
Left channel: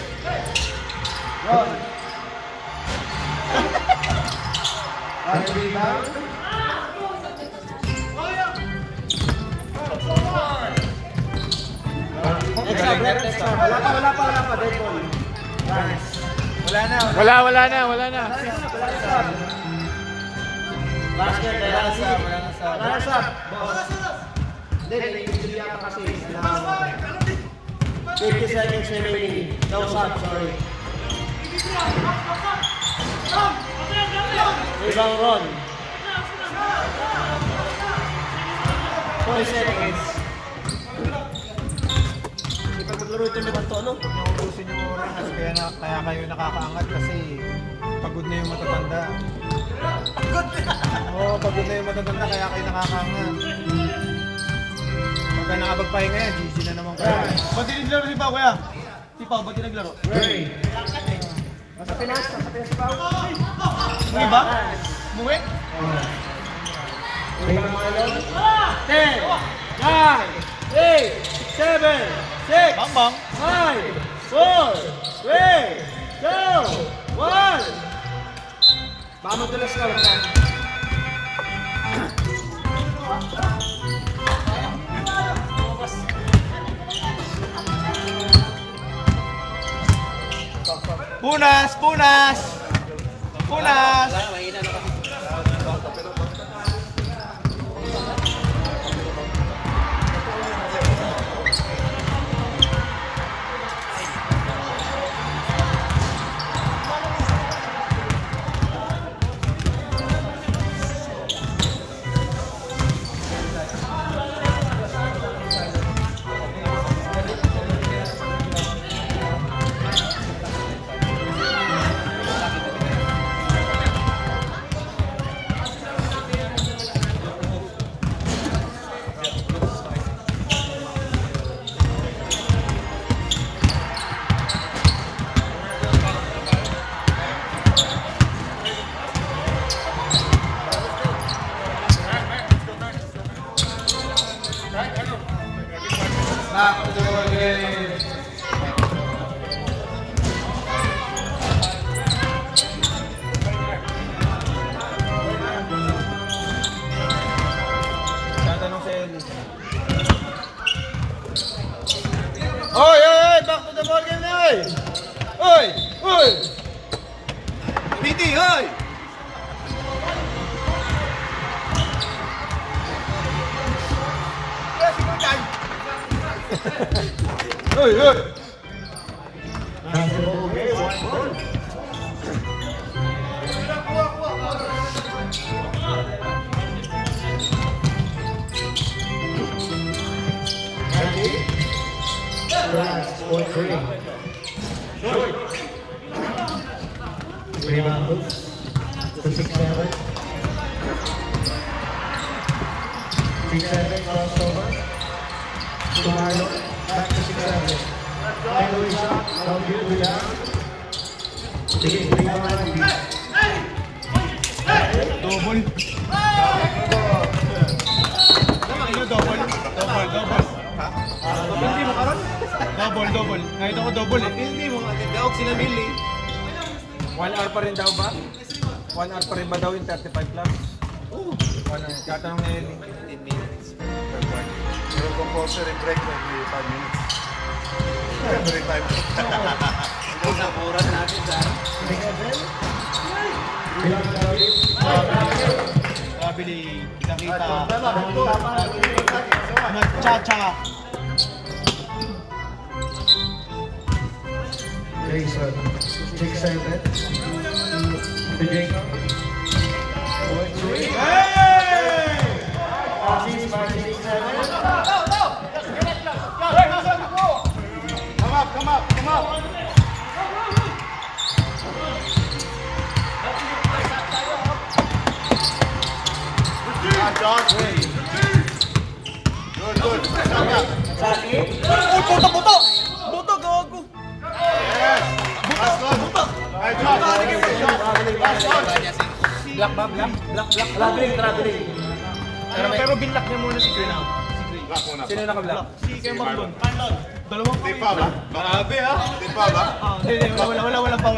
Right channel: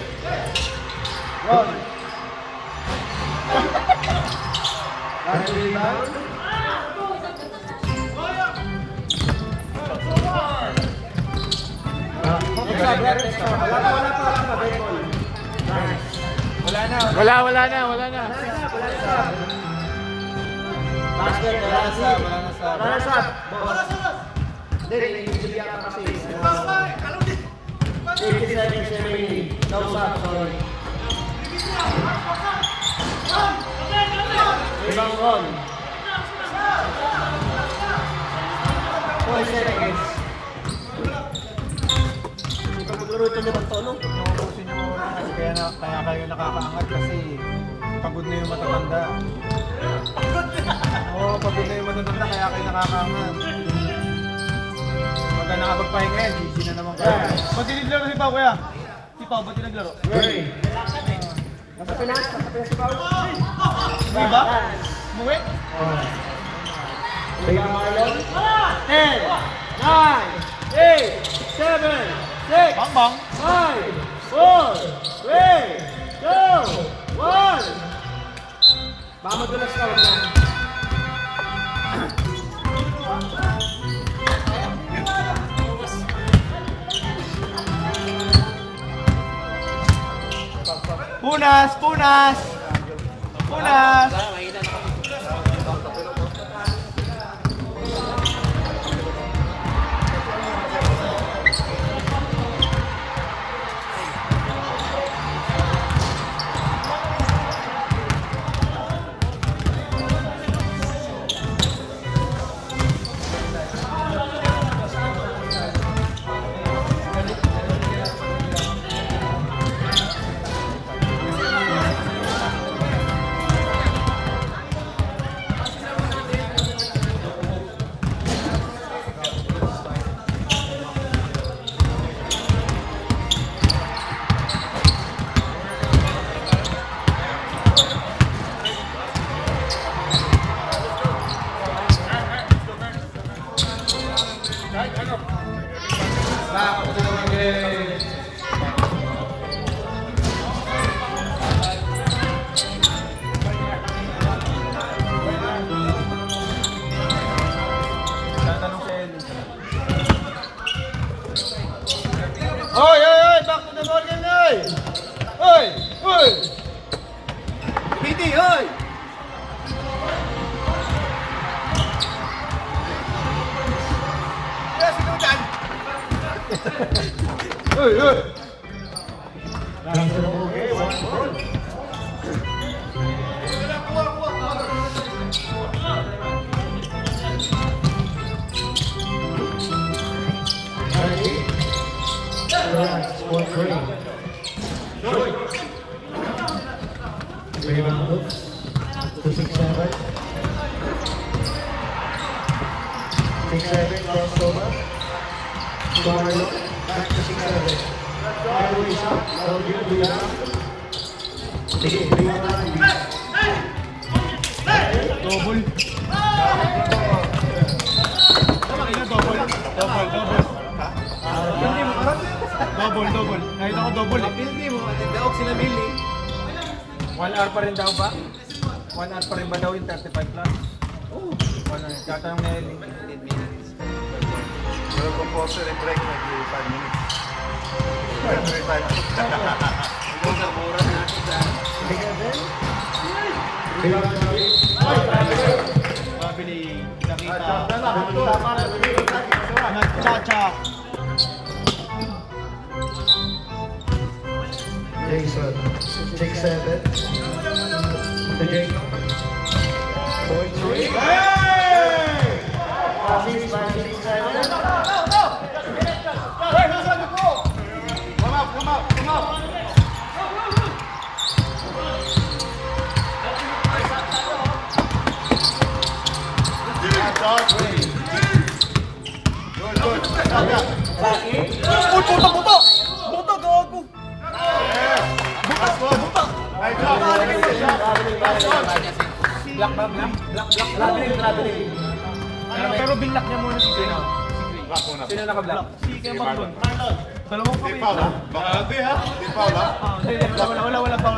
Wala na. Ubusin nyo muna kasi kaya kayo nakakaangat kasi pagod na yung matatanda. Oo, pagod na yung matatanda kaya kayo nakakaangat. Pagka nakapagpahinga yan, GG na naman kayo. Ba't di naglaro si Pao kaya? Si Pao, ba't di naglaro? Nasa Pinas si Pao. Hindi ba? Umuwi? 10, 9, 8, 7, 6, Bang bang! 5, 4, 3, 2, 1. Mamudulas ka. Punas! Punas! Punas! Piti, hoy! Hey, hey! Rebound Hooks to 6-7. 6-7 crossover. Tomorrow, back to 6-7. Michael Isa, don't get rebound. Double. Nakita ko double eh. Hindi mo, daog sila Millie. 1 hour pa rin daw ba? 1 hour pa rin ba daw yung 35 plus? Oo. 1 hour. Katanong na yun. 15 minutes. Pero compulsory break na 3 5 minutes. 3 5. Ang sa oras natin sa Sabi ni nakita. Nag-cha-cha. Jason, 6-7. Beginning. 4-3. Assist by 6-7. Uy, buto! Buto, gago! Buto! Pero binlock niya muna si Green. Sino naka-block? Si Kuya Marlon. Dalawang kami. Grabe ha? Di pa ba? Wala pa.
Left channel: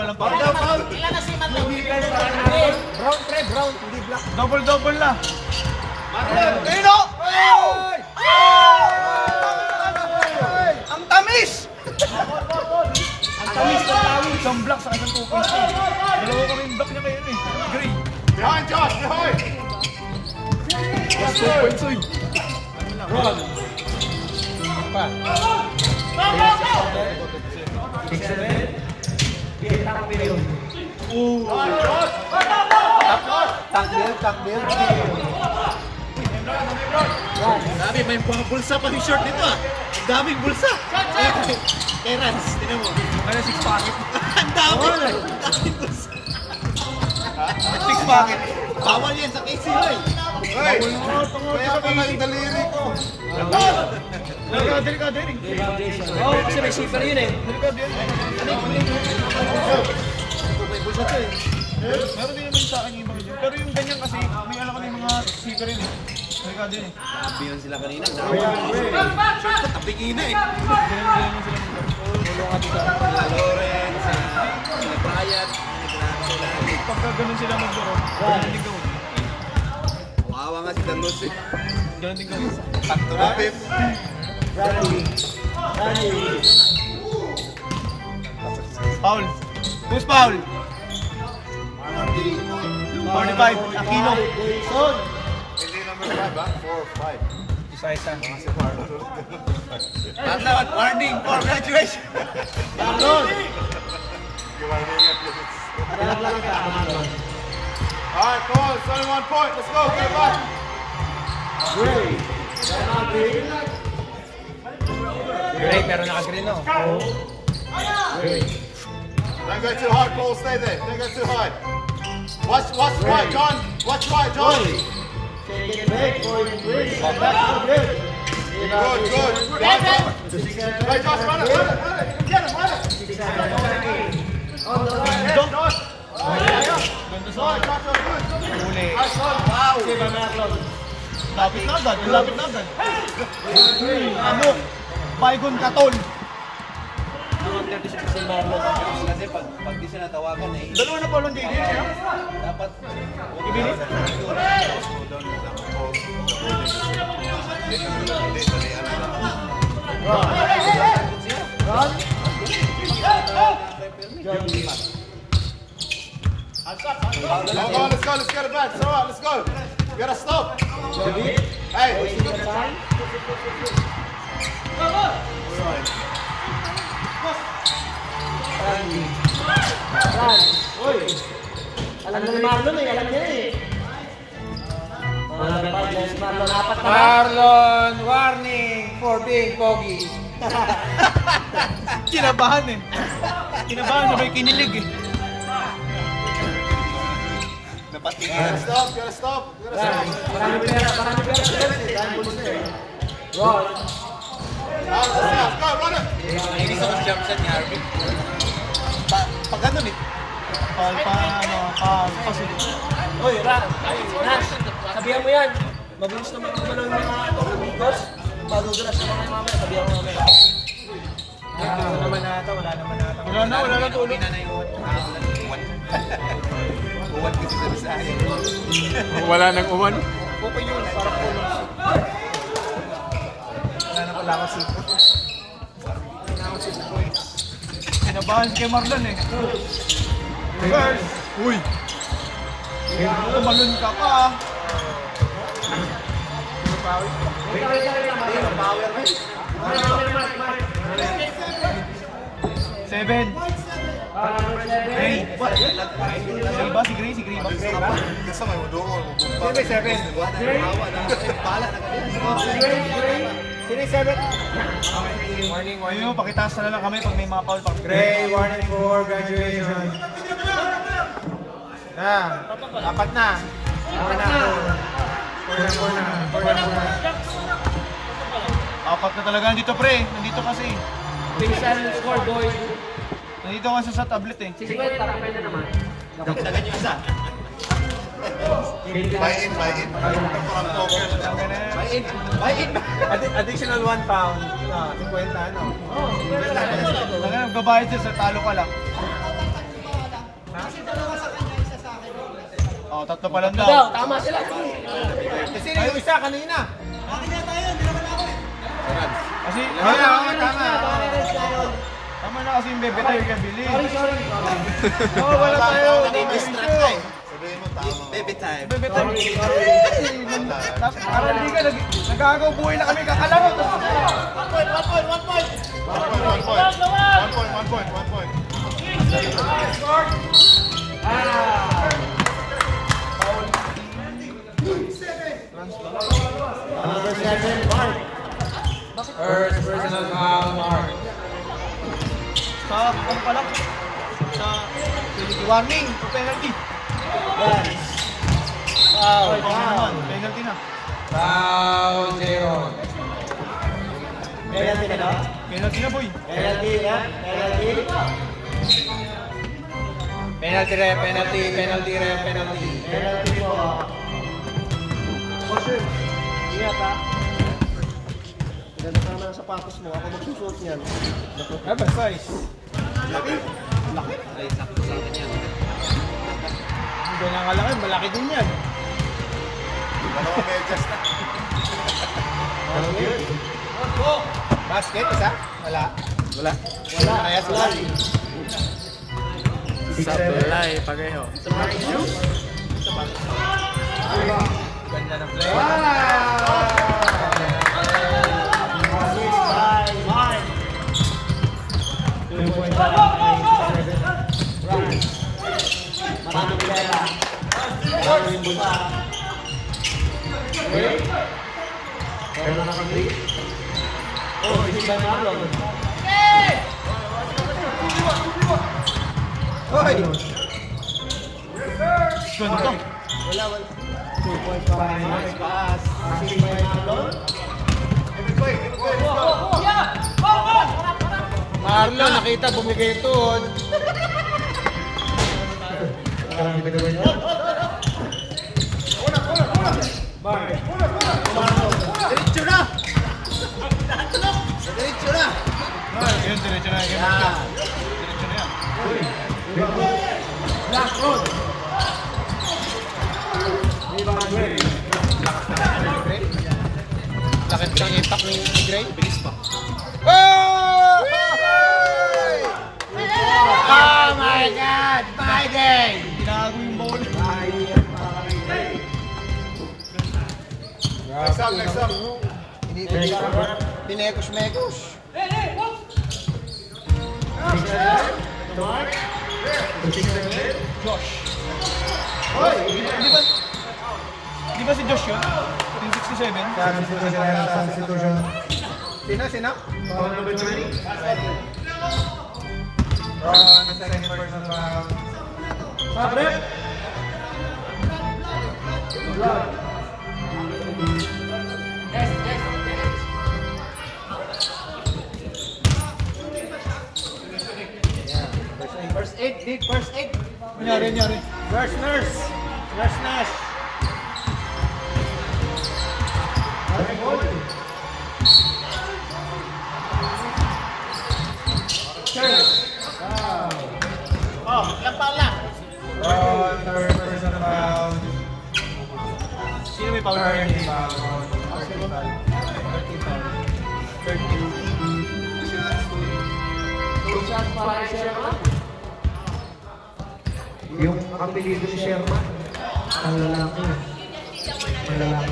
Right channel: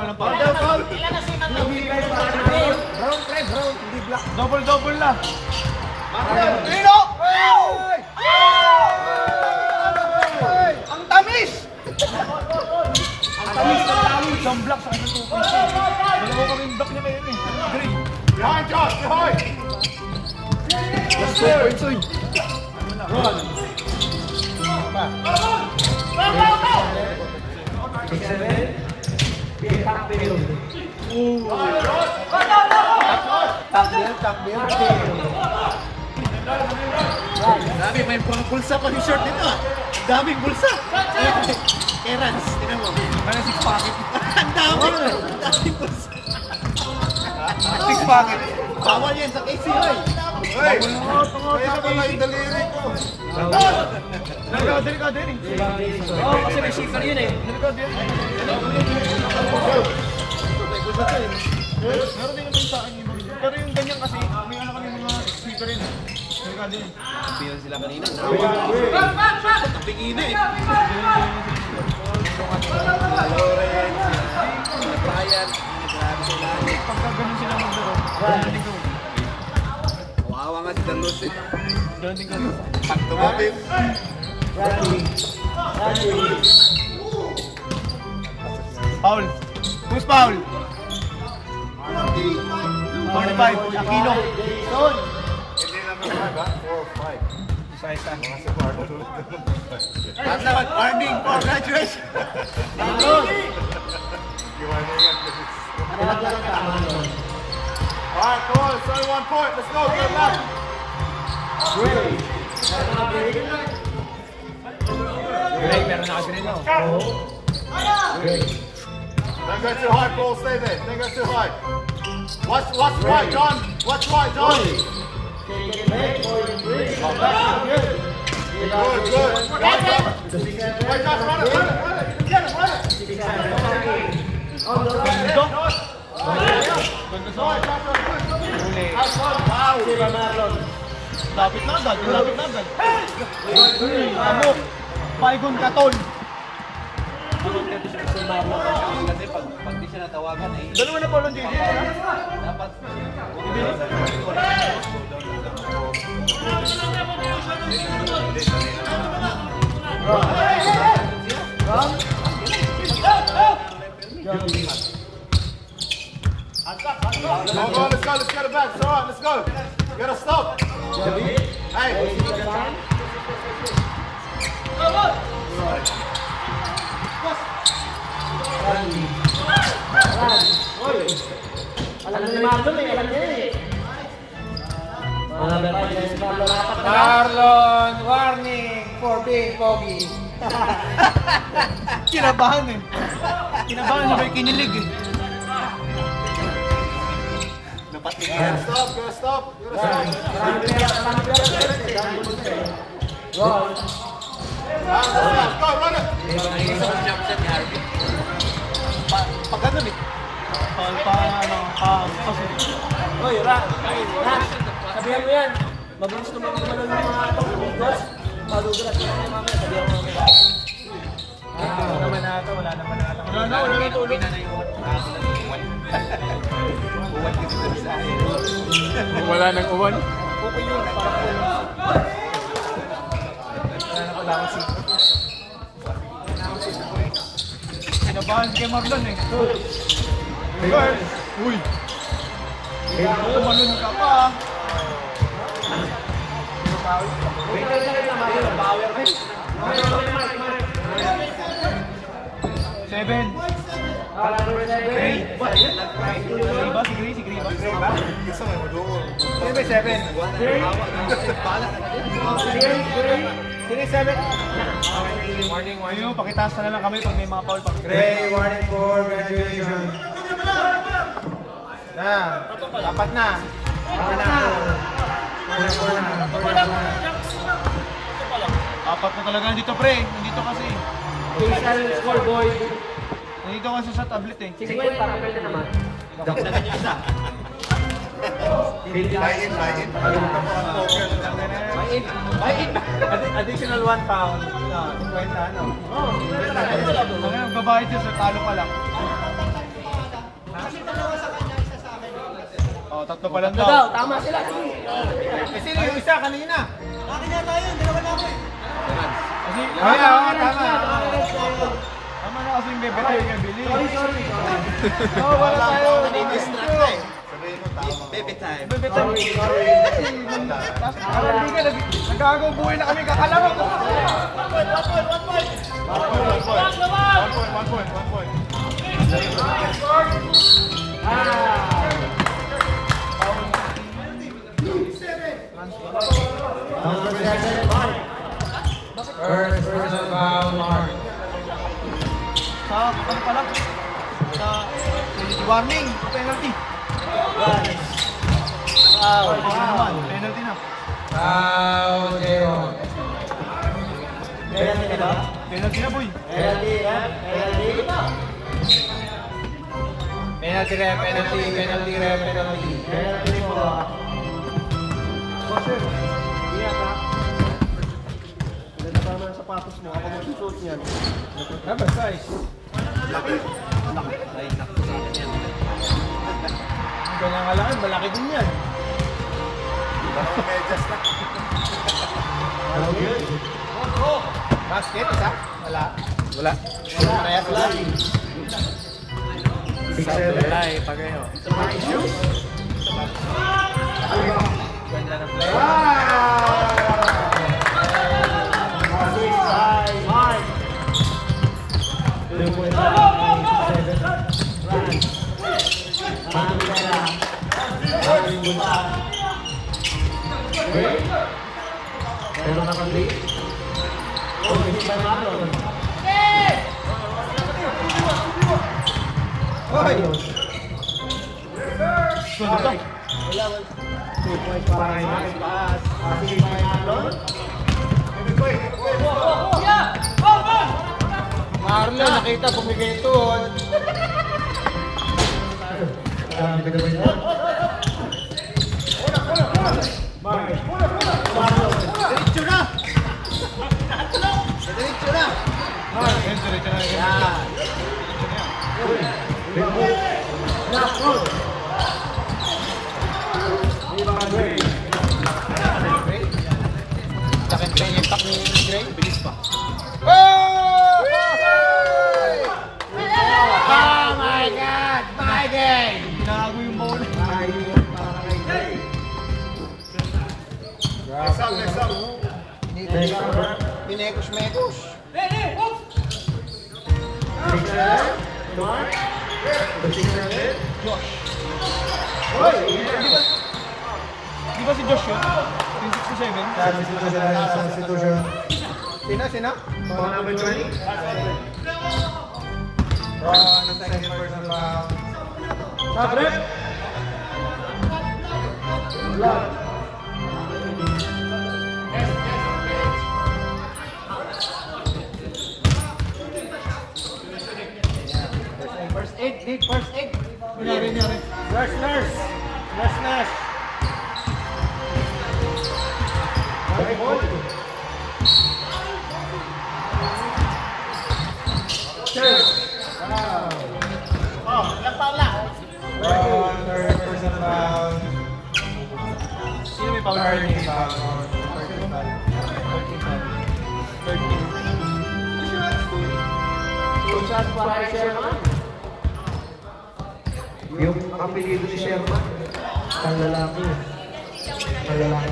Double na. Dino! Ang tamis! Ang tamis na tawag. Isang block sa kanyang 2 points eh. Dalawa kami yung block niya kayo eh. Green. Behind Josh, behind! Last 2 points eh. dami, may mga bulsa pa yung short nito ah. Daming bulsa. Kay Rans, tinan mo. Ano 6 pocket? Ang dami. Daming bulsa. 6 pocket. Bawal yan sa KC eh. Hey! Kaya pala yung daliri ko. Delikado yun eh. Oo, kasi may shipper yun eh. Delikado yun eh. May bulsa to eh. Meron din naman sa akin yung mga pero yung ganyan kasi, may alam kami mga shipper yun eh. Delikado yun eh. Sabihan sila kanina. Taping ina eh. Sila Loren, sila Brian. Pagka ganun sila maglaro, ganun din daw. Wawa nga si Dalos eh. Ganun din daw. Pag tumapit. Foul. Who's foul? 45. Aquino. Hindi namin 5 ha? 4 or 5. Isa-isa. Dapat warning for graduation. You want to get this? Alright, come on, it's only 1 point. Let's go, get back. Green, pero naka-green no. Don't go too high, Paul. Stay there. Don't go too high. Watch right, John. Watch right, John. Good, good. Right, Josh, run it. Get it, run it. Lapit na agad. Ano? Paigon Katol. Kasi pag di siya natawagan eh. Dalawa na Paul JJ. Dapat. Come on, let's go. Let's get it back. It's all right. Let's go. You gotta stop. Hey. Alam ni Marlon eh, alam niya eh. Marlon, warning for being pogi. Kinabahan eh. Kinabahan, sabay kinilig eh. Gotta stop, gotta stop, gotta stop. Go, run it. Nainis ako sa jump shot ni Harvey. Pag ganun eh. Paul pa, kasi. Oy, Nash, sabihan mo yan. Mabilis naman ang gano'n ng mga ito. Madudulas na naman mamaya, sabihan mo mamaya. Wala naman na ito. Wala na ulo. Uwi na na yung uwan. Uwan kasi sabi sa akin. Wala nang uwan. Okay yun, parang kulong. Wala kasi. Kinabahan si kay Marlon eh. Reverse. Uy! Tumalon ka pa. Seven. Gray. Gray ba? Si Gray? Si Gray ba? Gusto mo, doon. Sino yung 7? Sino yung 7? Warning, Ayun, pakitaas na lang kami pag may mga foul. Gray, warning for graduation. Yan, apat na. Apat na talaga nandito pre. Nandito kasi. Score, boy. Nandito kasi sa tablet eh. Dagdagan yung isa. Buy in, buy in. Buy in. Additional 1 pound. 50, ano? Talaga nagbabayad siya sa talo ka lang. Oh, tatlo pa lang daw. Tama sila. Kasi yung isa kanina. Kasi, Tama. Tama na kasi yung bebe tayo kaya bili. Oo, wala tayo. Nadidistract ka eh. Sabihin mo, tama. Baby time. Bebe tayo. Tapos, parang di ka, nag-aagaw buhay na kami kakalaro. One point. First personal foul, Mark. Sa, ano pala? Sa, penalty warning, penalty. Foul. Naman, penalty na. Foul, Jeron. Penalty na boy. Penalty ref, penalty. Ingat ha. Ganda pa naman ang sapatos mo. Ako magsusuot niyan. Dapat size. Ay, sakto sa akin yan. Ang ganyan nga laki, malaki din yan. Dalawang medyas na. Basket, isa? Wala. Kaya sa lali. 6-7. Ganda ng play. Ganda. Marlon, nakita bumigay ito. Diretso na! Diretso na! Ayun, diretso na yung game. Diretso na yan. Sakit ko yung impact ni Gray. Bilis pa. Oh my God! Biden! Tinago yung ball. Next up. Pinekos-mekos. Di ba si Josh yun? Substitution. Sino? Mga number 20. Second personal foul. Stop, rep. Blood. First aid, Nick. First aid. Nangyari. Nurse. Okay, ball. Third personal foul. Sino may power card? 13 foul on 13 foul. 2 shots para kay Sherman. Yung apelido ni Sherman, ang lalaki. Malalaki.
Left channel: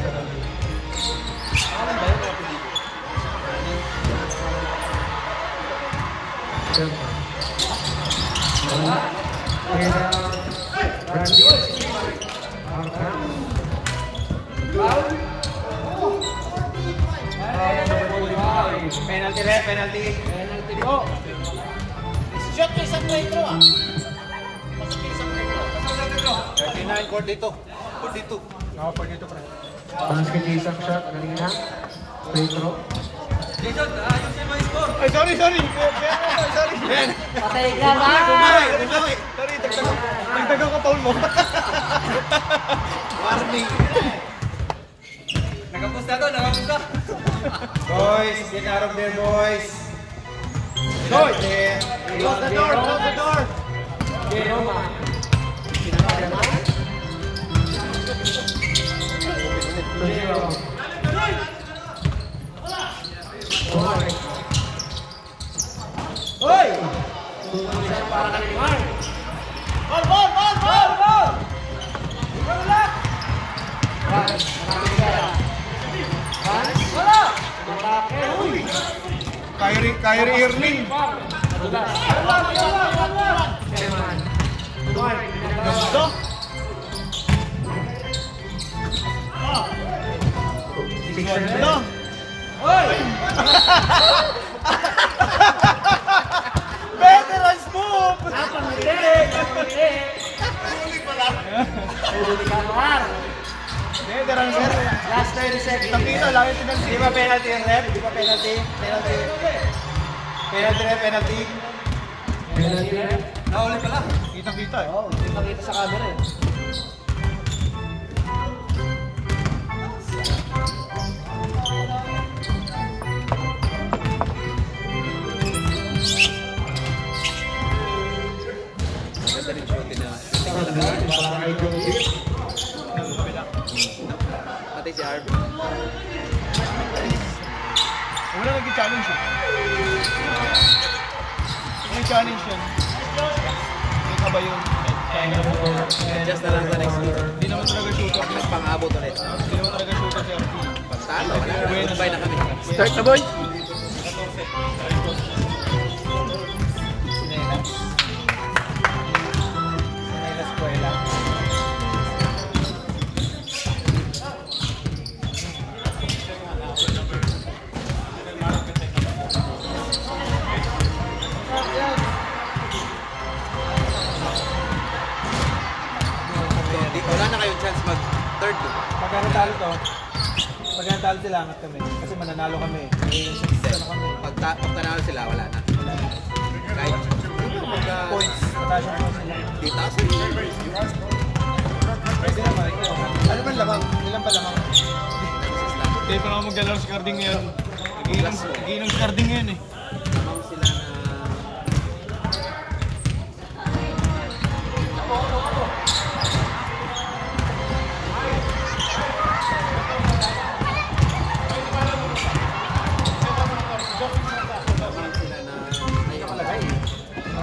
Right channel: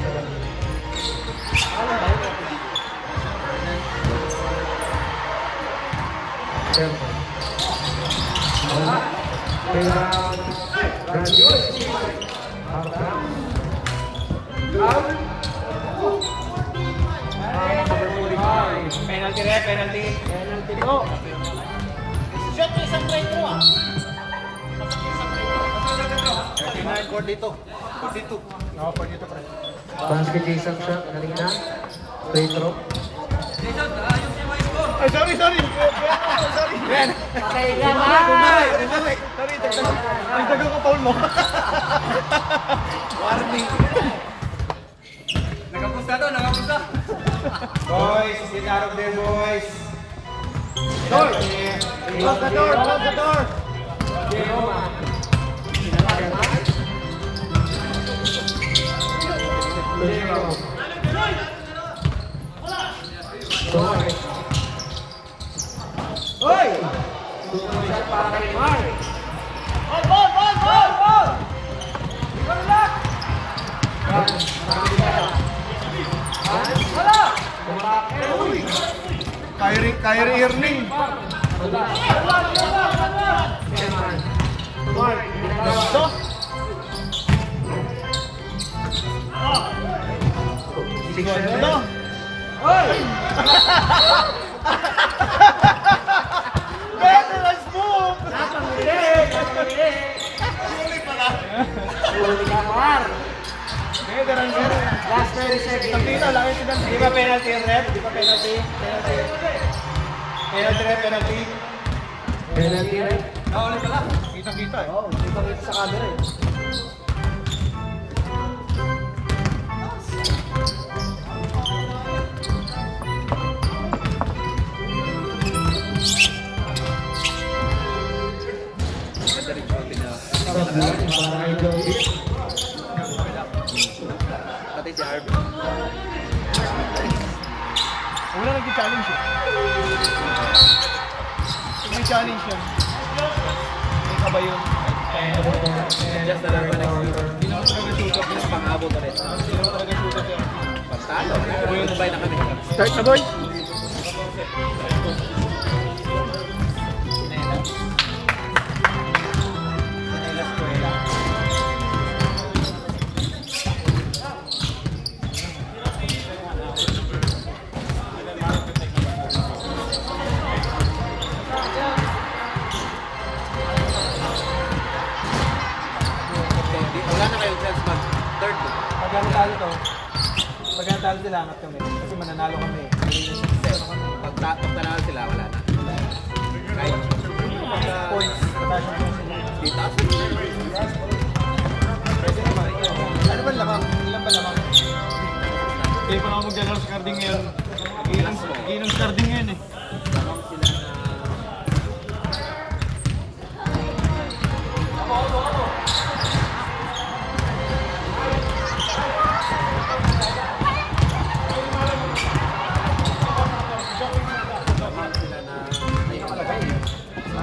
Sherman. Kaya, Penalty rep, penalty. Penalty go. Shot ko isang metro ah. 39 court dito. 42. Ako po dito, pre. basket isang shot, ano rin na? Free throw. Ay, sorry. Sorry. Dagdagan ko foul mo. Warning. Nakapusta. Boys, get out of there, boys. Close the door. Kyrie Irving. Veterans move! Veterans move. Last 30 seconds. Tangina, langit din ang Di ba penalty yung rep? Di ba penalty? Penalty rep, penalty. Penalty rep. Kita eh. Oo, hindi pa kita sa camera eh. Sablan, para kay Joey. Pati si Arby. Wala nag-challenge eh. May challenge yan. May ka ba yun? Just na lang sa next week. Hindi naman ito nag-shoot up. Pang-abot ulit. Pagkalo. Tumubay na kami. Start na boy! Wala na kayong chance mag-third. Pag natalo to, pag natalo sila, angat kami. Kasi mananalo kami. Pag tanalo sila, wala na. Right? Points. Mataas yung points nila. Di taas yung Pwede naman. Ano ba lamang? Ilan ba lamang? Hindi ko na magdala sa carding ngayon. Nagiinom sa carding ngayon eh.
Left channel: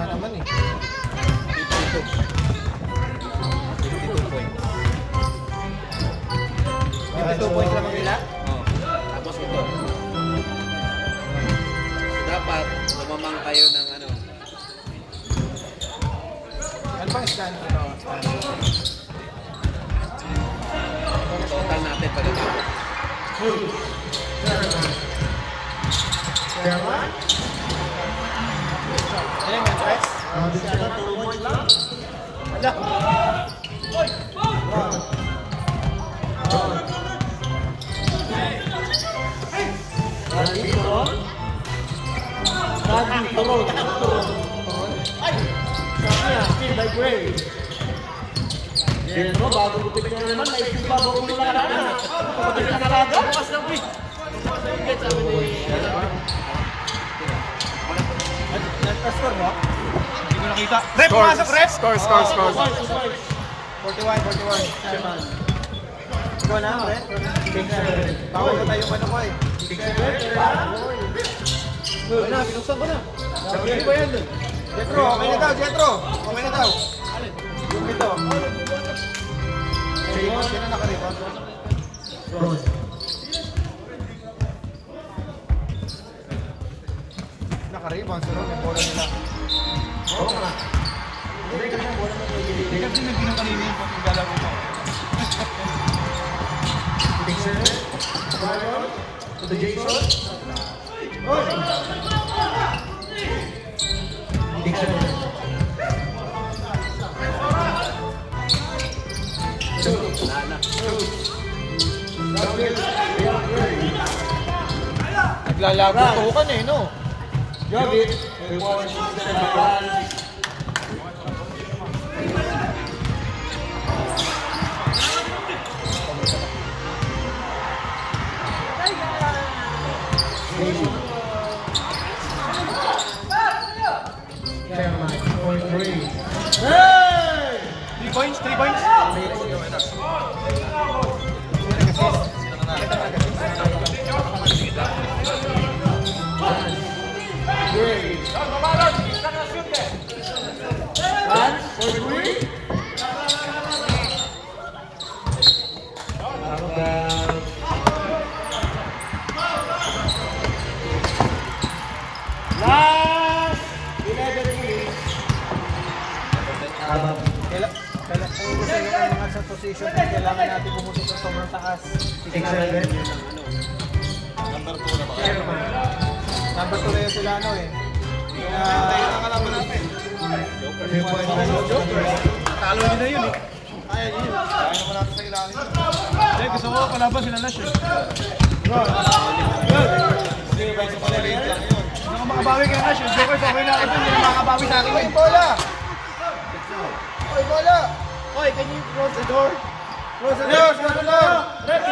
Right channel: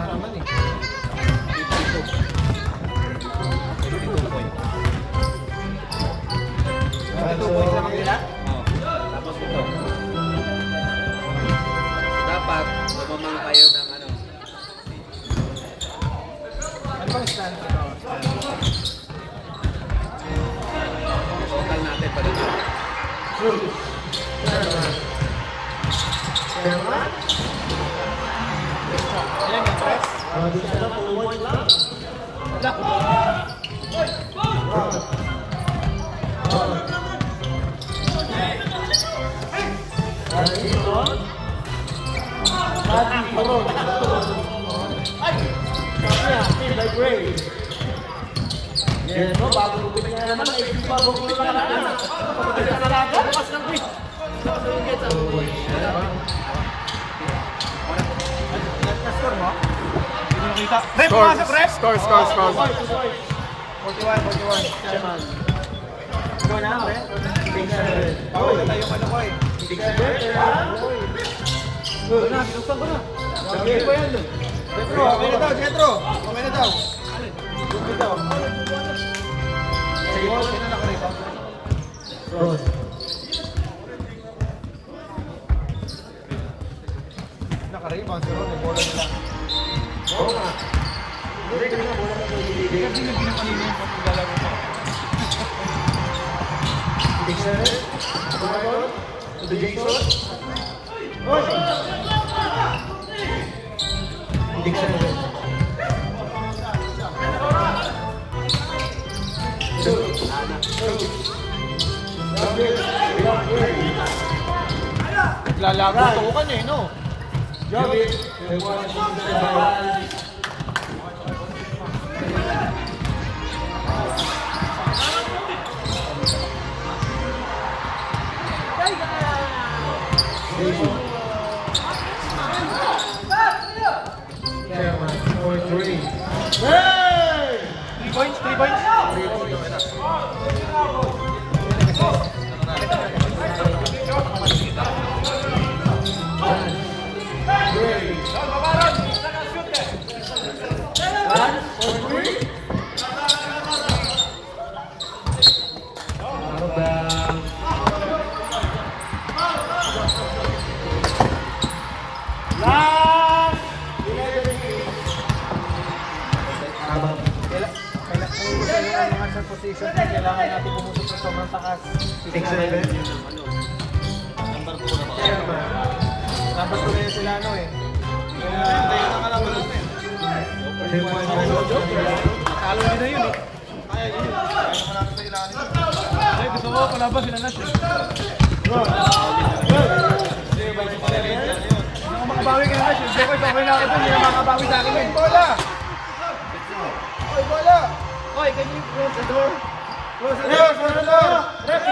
Naman eh. 22 points lamang nila? Tapos ito. Dapat, lumamang kayo ng ano. Ano bang stand ito? Total natin pag ito. Chairman. Ilan yan, Tres? Additional 2 points lang. Yan mo, bago gupit na naman, naisip bago gupit na naman. Bukas ng quick. Hindi ko nakita. Rep, pumasok, rep! Score. 41. Chairman. Ikaw na, pre? Bawal na tayo yung ano ko eh. Wala na, binuksan ko na. Hindi ba yan? Jetro, okay na daw, Jetro. Okay na daw. Yung ito. Sige, sino nakariba? Cross. Nakaribang, sino? May bola nila. Kasi naging kanina yung pagkagalaw ko. To the Jason. Hindi ka na. Naglalago tukan eh, no? Chairman, for 3. 3 points, 3 points. Sa position na kailangan natin pumunta sa sobrang taas. Number 2 na yung sila ano eh. Talo din na yun eh. Eh, gusto mo palaban sila na siya. Makabawi ka na siya. Joker, sabay na ako dun. Makabawi sa akin. Oy, bola! Oy, bola! Oy, can you close the door? Close the door! Close the door! Rep,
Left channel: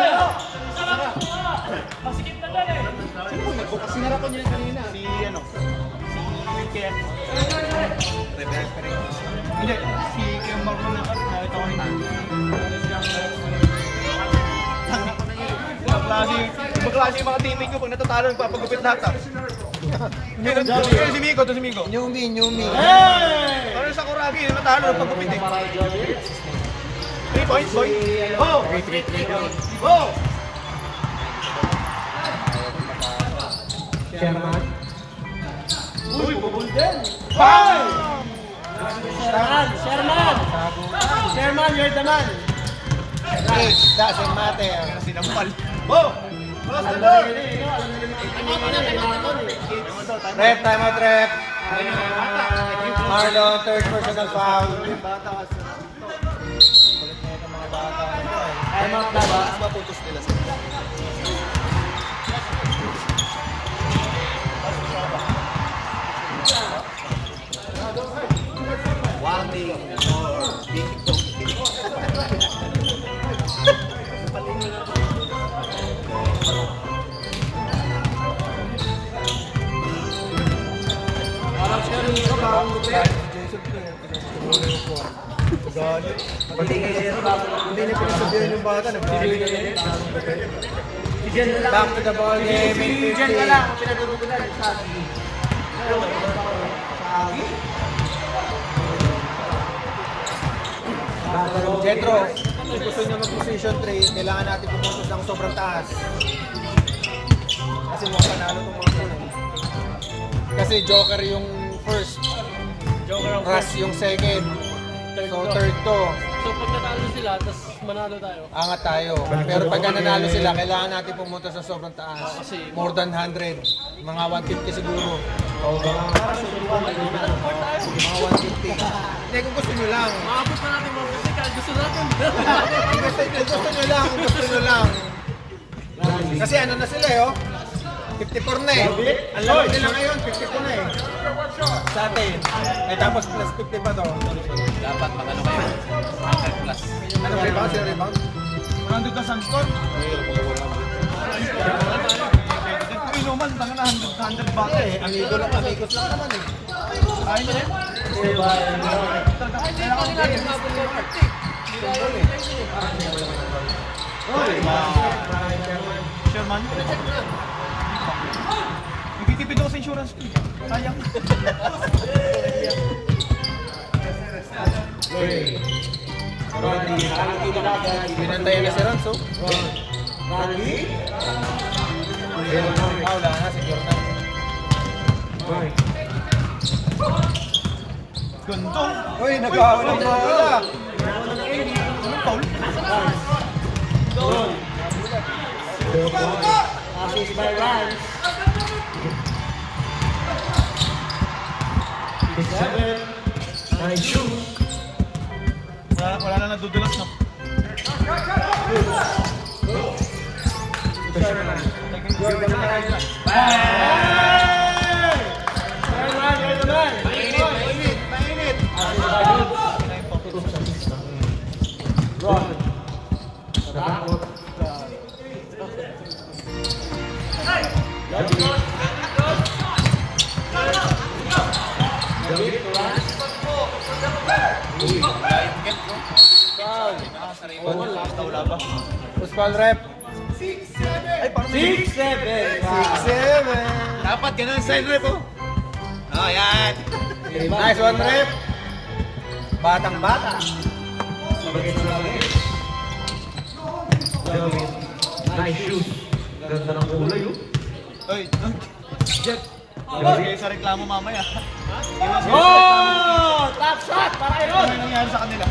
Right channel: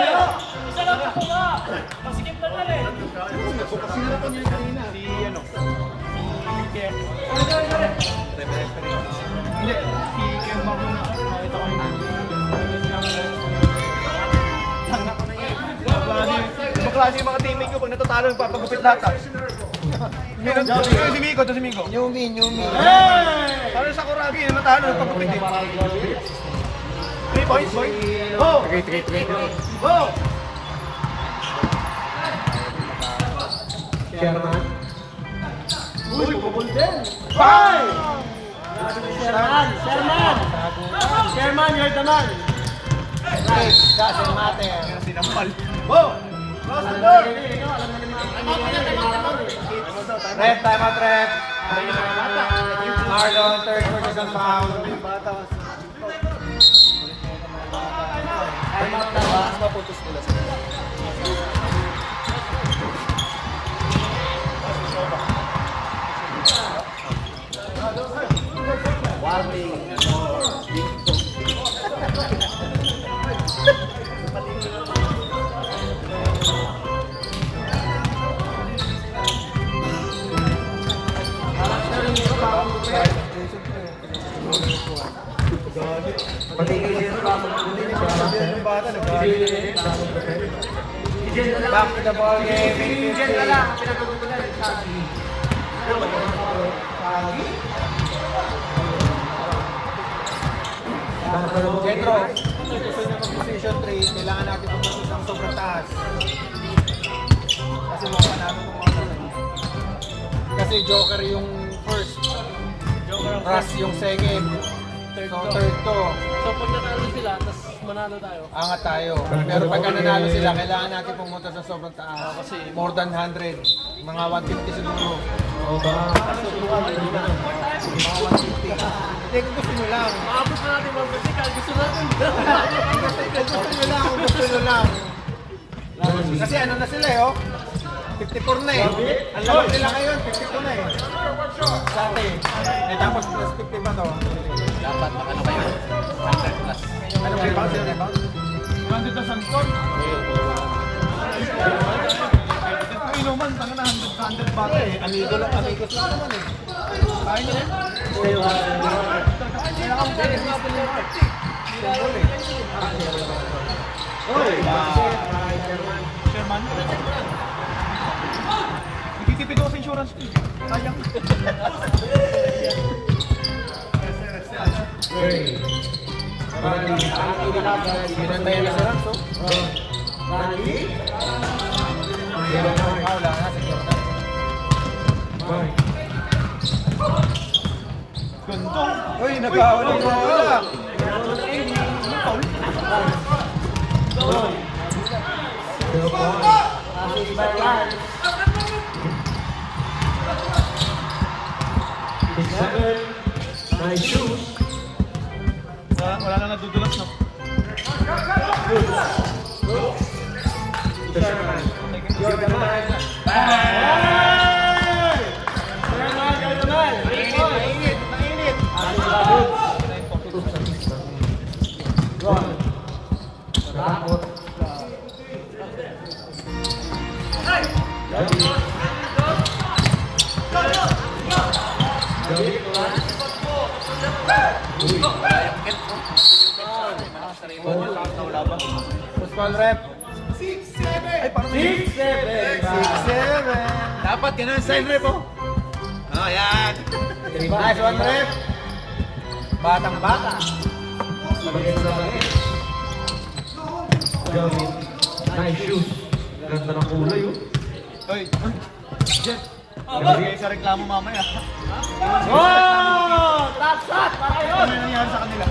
Sinarapan niya kanina. Si ano? Si Ken. Hindi, si Ken Martin na nakita ko nito. Baklase yung mga teammate ko pag natatalo nagpapagupit lahat ah. Si Migo, to si Migo. Yumi. Parang sa Kuragi, natalo, nagpagupit eh. 3 points, boy. Go! Go! Chairman. Uy, bubul din! Hoy! Chairman, you're the man. Doesn't matter. Sinampal. Go! Close the door! Rep, time out, rep. Marlon, third personal foul. Ay, mga maputos nila sa Warning for big dog. Back to the ball game. Jetro, kung gusto niya mag-position 3, kailangan natin pumunta ng sobrang taas. Kasi mga panalo ko mga ganun. Kasi Joker yung first, Russ yung second, third to. So pag natalo sila, tapos manalo tayo. Angat tayo. Pero pagka nanalo sila, kailangan natin pumunta sa sobrang taas. More than 100. Mga 150 siguro. O baka Mga 150. Hindi, kung gusto nyo lang. maabot na natin mga kasi gusto natin. Kung gusto nyo lang, kung gusto nyo lang. Kasi ano na sila eh, oh. 54 na eh. Ang laki nila ngayon, 52 na eh. Sa atin. Eh, tapos plus 50 pa to. Dapat magano kayo. 100 plus. Ano ba yung kasi rebound? Nandun ka sa score. Kung inuman, tanga na 100 ba? Amigos lang naman eh. Kaya niya yan. Sherman. Nagtitipid ako sa insurance fee. Sayang. Binantayan na si Ranzo. Wala na, sige. Ganto. Uy, nag-aawal ng bola. Nice shoes. Wala na nadudulas na. You're the man. You're the man. Mainit. Puspal rep. 6-7. Ay, parang 6-7. 6-7. Dapat ganun sa rep oh. Oh, yan. Nice one rep. Batang bata. Nice shoes. Ganda ng kulay. Oy, Jeff. Ibigay sa reklamo mamaya. Oh! Top shot! Para yun! Ano yung nangyari sa kanila?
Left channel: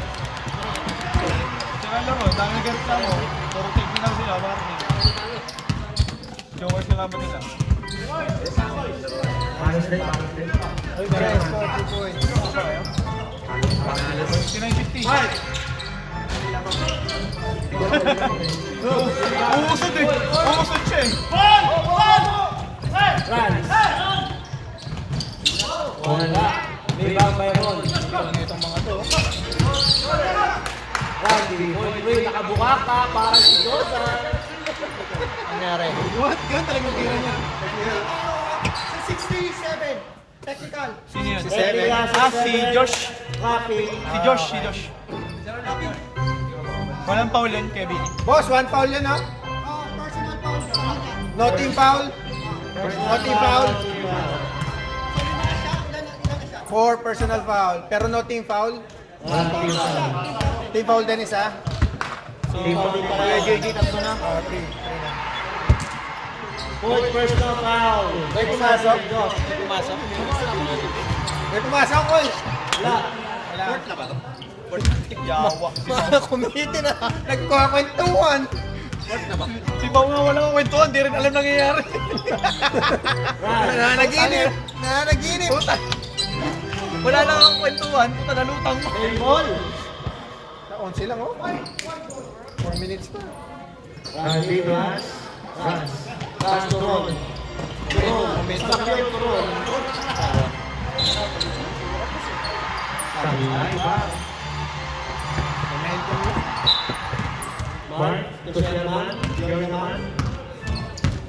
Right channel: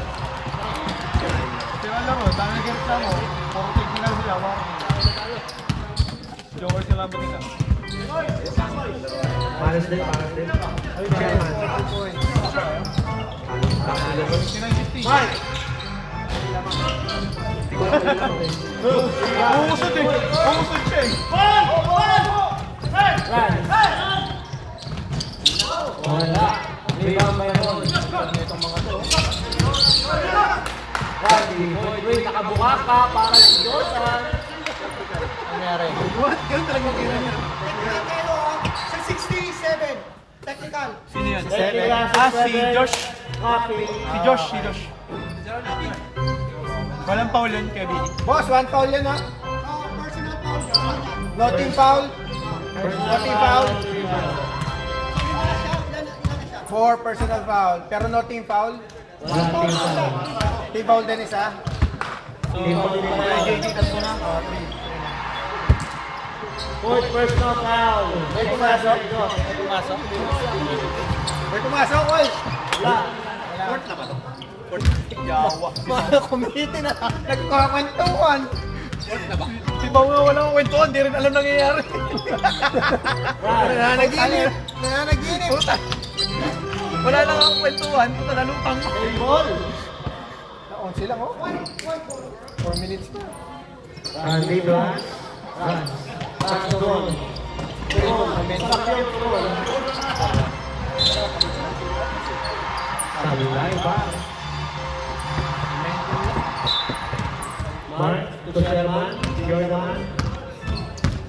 Sila lang o, dami nagreklamo. Puro take na sila, warning. Jokers yung abot nila. Pares din. Ay, dami. 69-50. Umusod eh. Umusod siya eh. Wala. Rebound mayroon. Wait, nakabuka ka para si Dosa. Nangyari. What? Ganun talagang kira niya. Sa 67. Technical. Sino yan? Si Josh. Si Josh. Walang foul yun, Kevin. Boss, one foul yun, no? Personal foul. No team foul. No team foul. 4 personal foul. Pero no team foul. Team foul din isa. JJ, tatlo na. Fourth personal foul. May pumasok. May pumasok, Will. Yawa. Kumiti na. Nagkakwentuhan. Si Pao nga walang kwentuhan, di rin alam nangyayari. Nananaginip. Puta. Wala lang ang kwentuhan, puta nalutang mo. On sila, oh. 4 minutes na. Libras. Pass to Ron. Sablay ba? Mark, to Sherman. You're the man.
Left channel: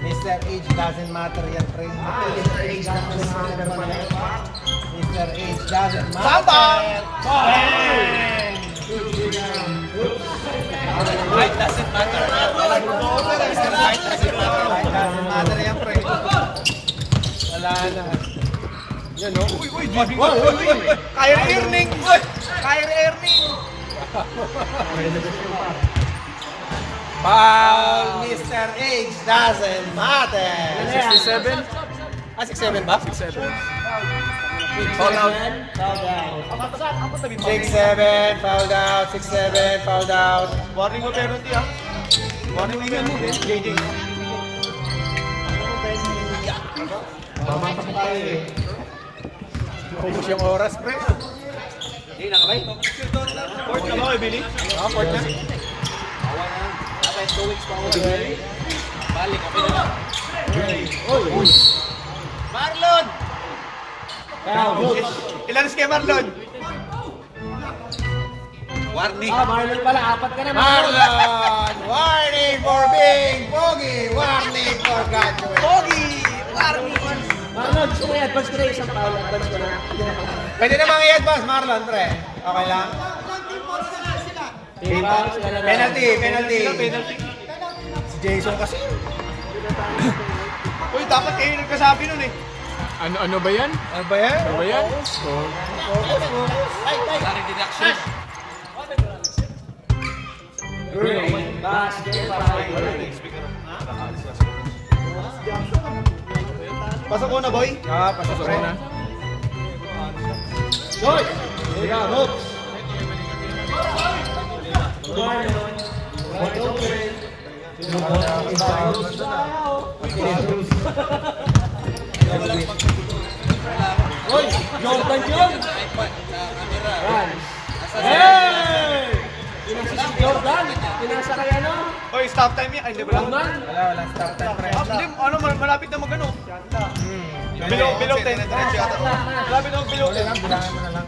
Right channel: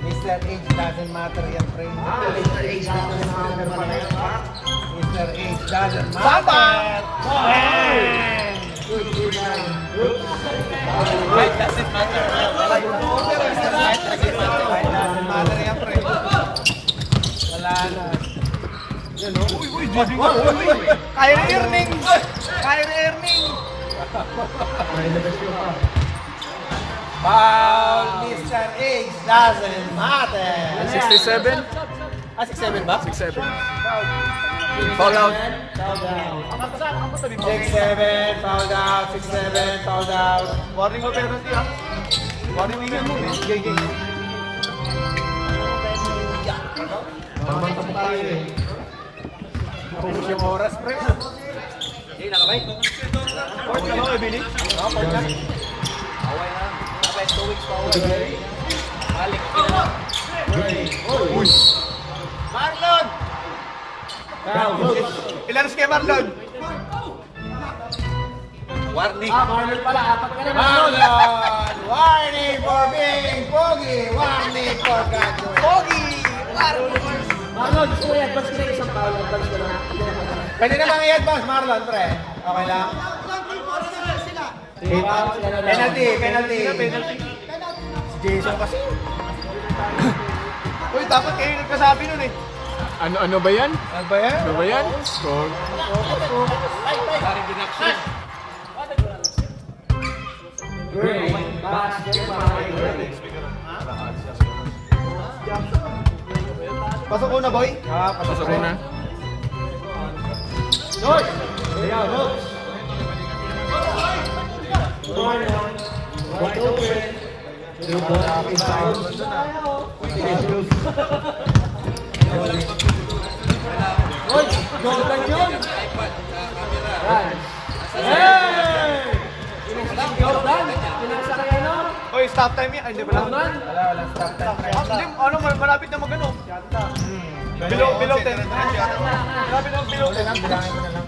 Mr. H doesn't matter yan, friend. Mr. H doesn't matter pa rin. Mr. H doesn't matter. Good, good guy. Right doesn't matter. Right doesn't matter yan, friend. Wala na. Yan, oh. Uy, Kyrie Irving! Kyrie Irving! Foul, Mr. H doesn't matter. 67? 6-7 ba? 6-7. Foul out. 6-7, foul out. 6-7, foul out. Warning mo penalty ha. Warning mo yun. JJ. Mamang tayo eh. Focus yung oras, pre. Hindi, nakabay. Court ka ba, Billy? Court na. Away na. Nakabay, 2 weeks pa away. Balik, Marlon! Ilan kay Marlon? Warning. Marlon! Warning for being pogi! Warning for graduate! Pogi! Warning! Marlon, gusto mo i-advance ko na isang foul. Advance ko na. Pwede namang i-advance, Marlon, pre. Okay lang? Penalty, penalty. Si Jason kasi. Uy, dapat kayo nagkasabi nun eh. Ano ba yan? Ano ba yan? Ano ba yan? Pasok ko na, boy. Pasok na. Uy, stop time yan. Ay, hindi pala. Wala, stop time, pre. Hindi, ano, malapit na magano. Below 10. Malapit na below 10. Bilangin mo na lang.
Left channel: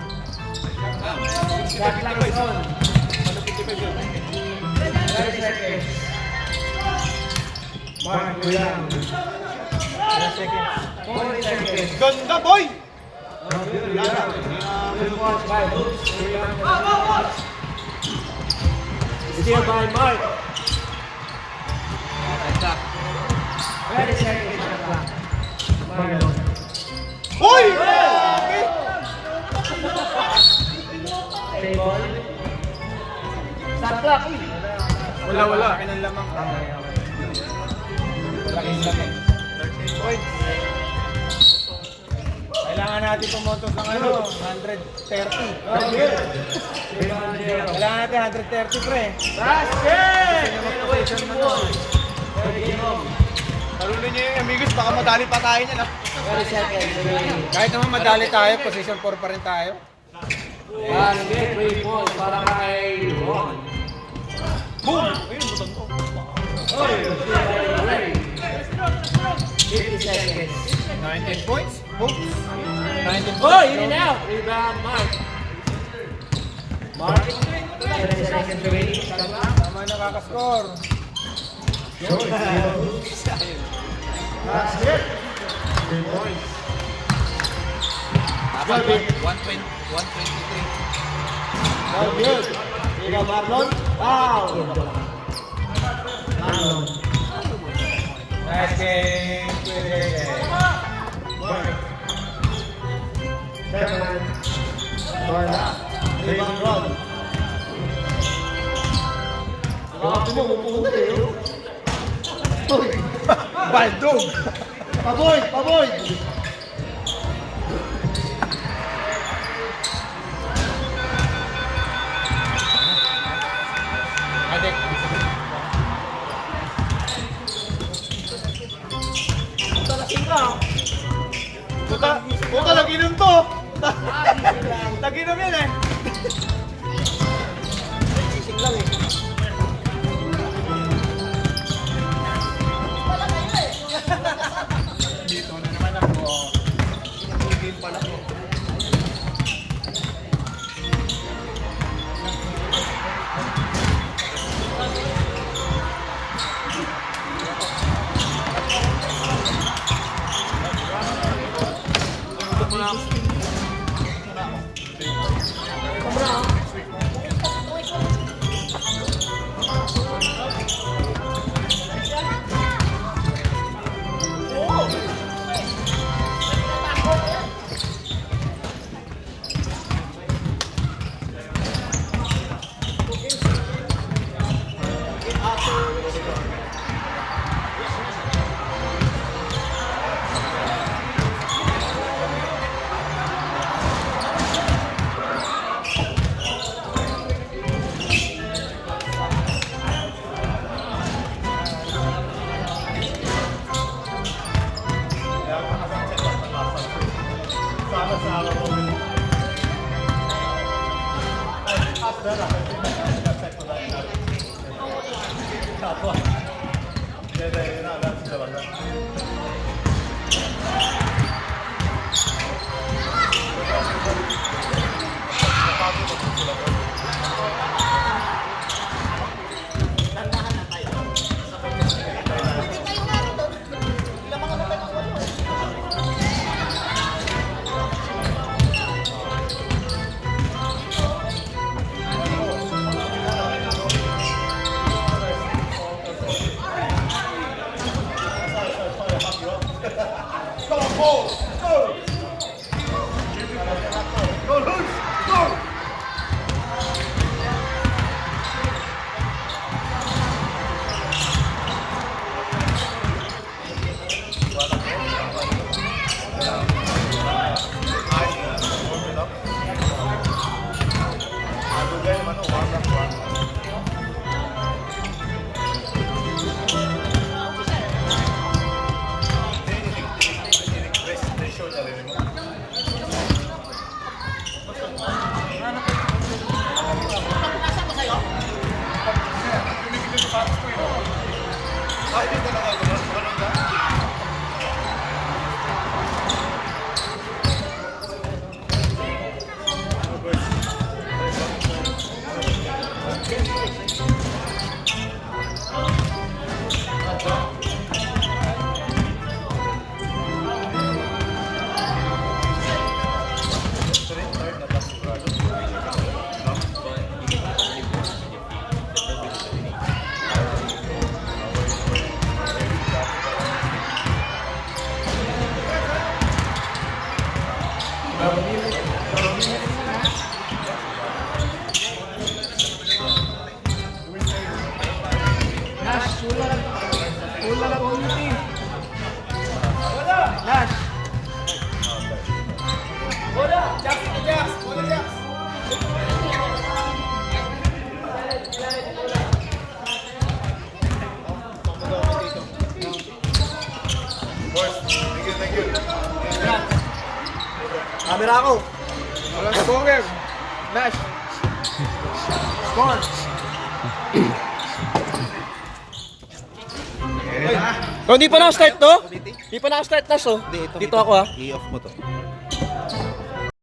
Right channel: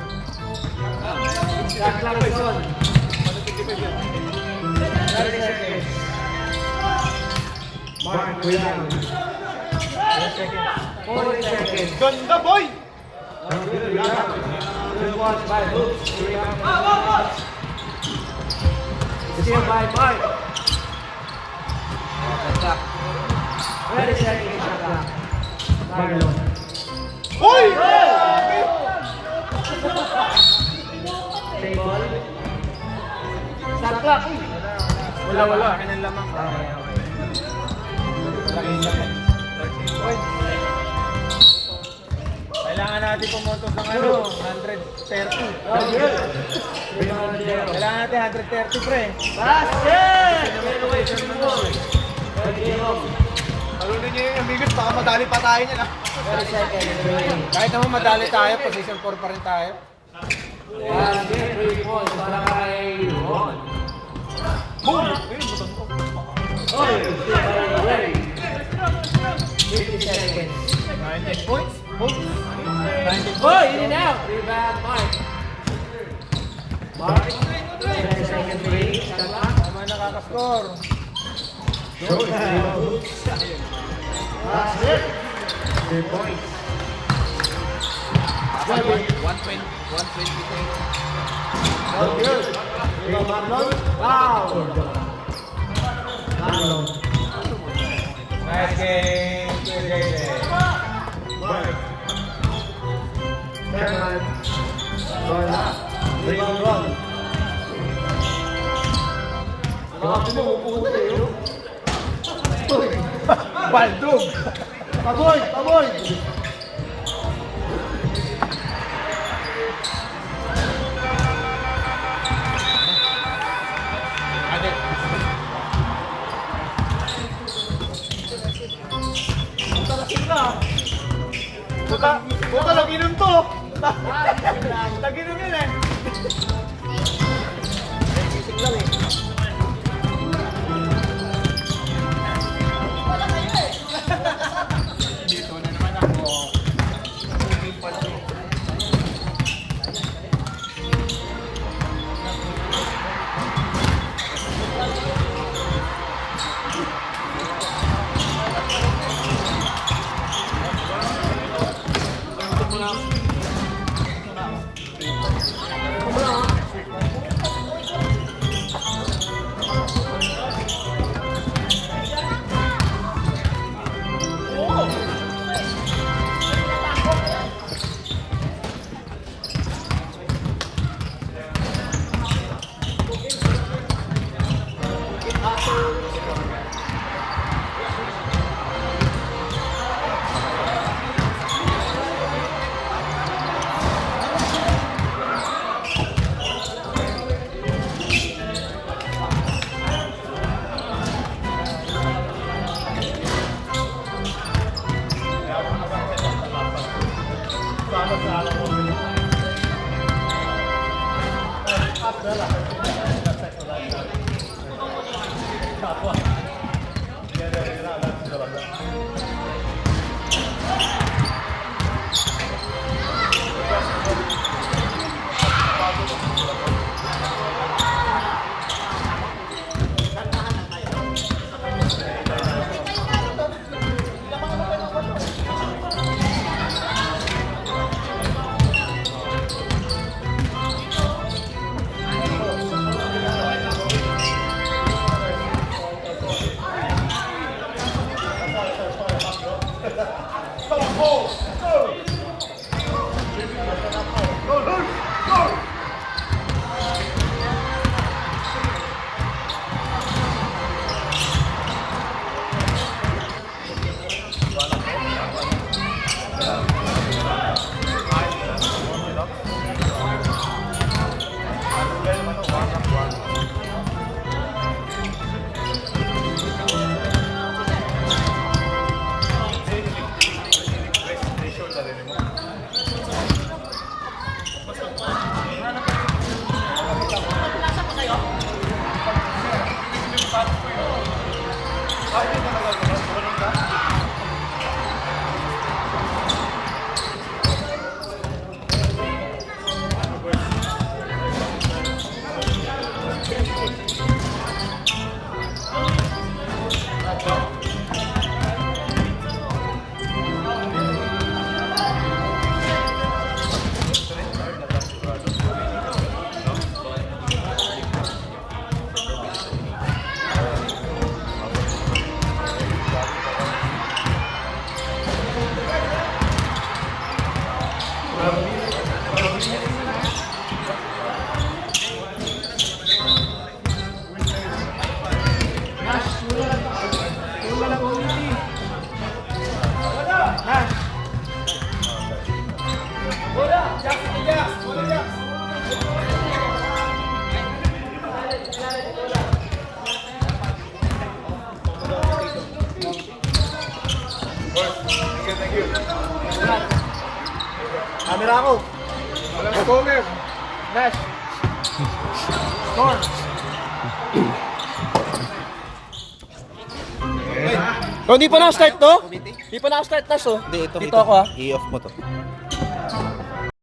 Mark William. Ganda, boy! Still by Mark. Very second shot clock. Marlon. Uy! Table. Shot clock. Wala. Akin ang lamang. Kailangan natin pumuntok ng ano, 130. Kailangan natin 130, pre. Malunin niyo yung amigos, baka madali pa tayo niyan ah. Kahit naman madali tayo, position 4 pa rin tayo. Basket, 3 points para kay Ron. Boom! Ayun, butang ko. Oy, still by Ray. 50 seconds. 19 points. 19 Boy, in and out. Rebound, Mark. Mark. 7 seconds remaining. Shot clock. Tama nakaka-score. Basket. 3 points. 123. Good. Rebound, Marlon. Foul. Marlon. Nice game. Kerman. Corner. Rebound, Ron. Baldog. Avoid, avoid. Puta, naginom to! Naginom yan eh! Wala lang ulitin. Nash. Camera ako. Let's go, Kev. Nash. Oh, hindi pa na-start to? Hindi pa na-start na so. Dito ako ha. I-off mo to.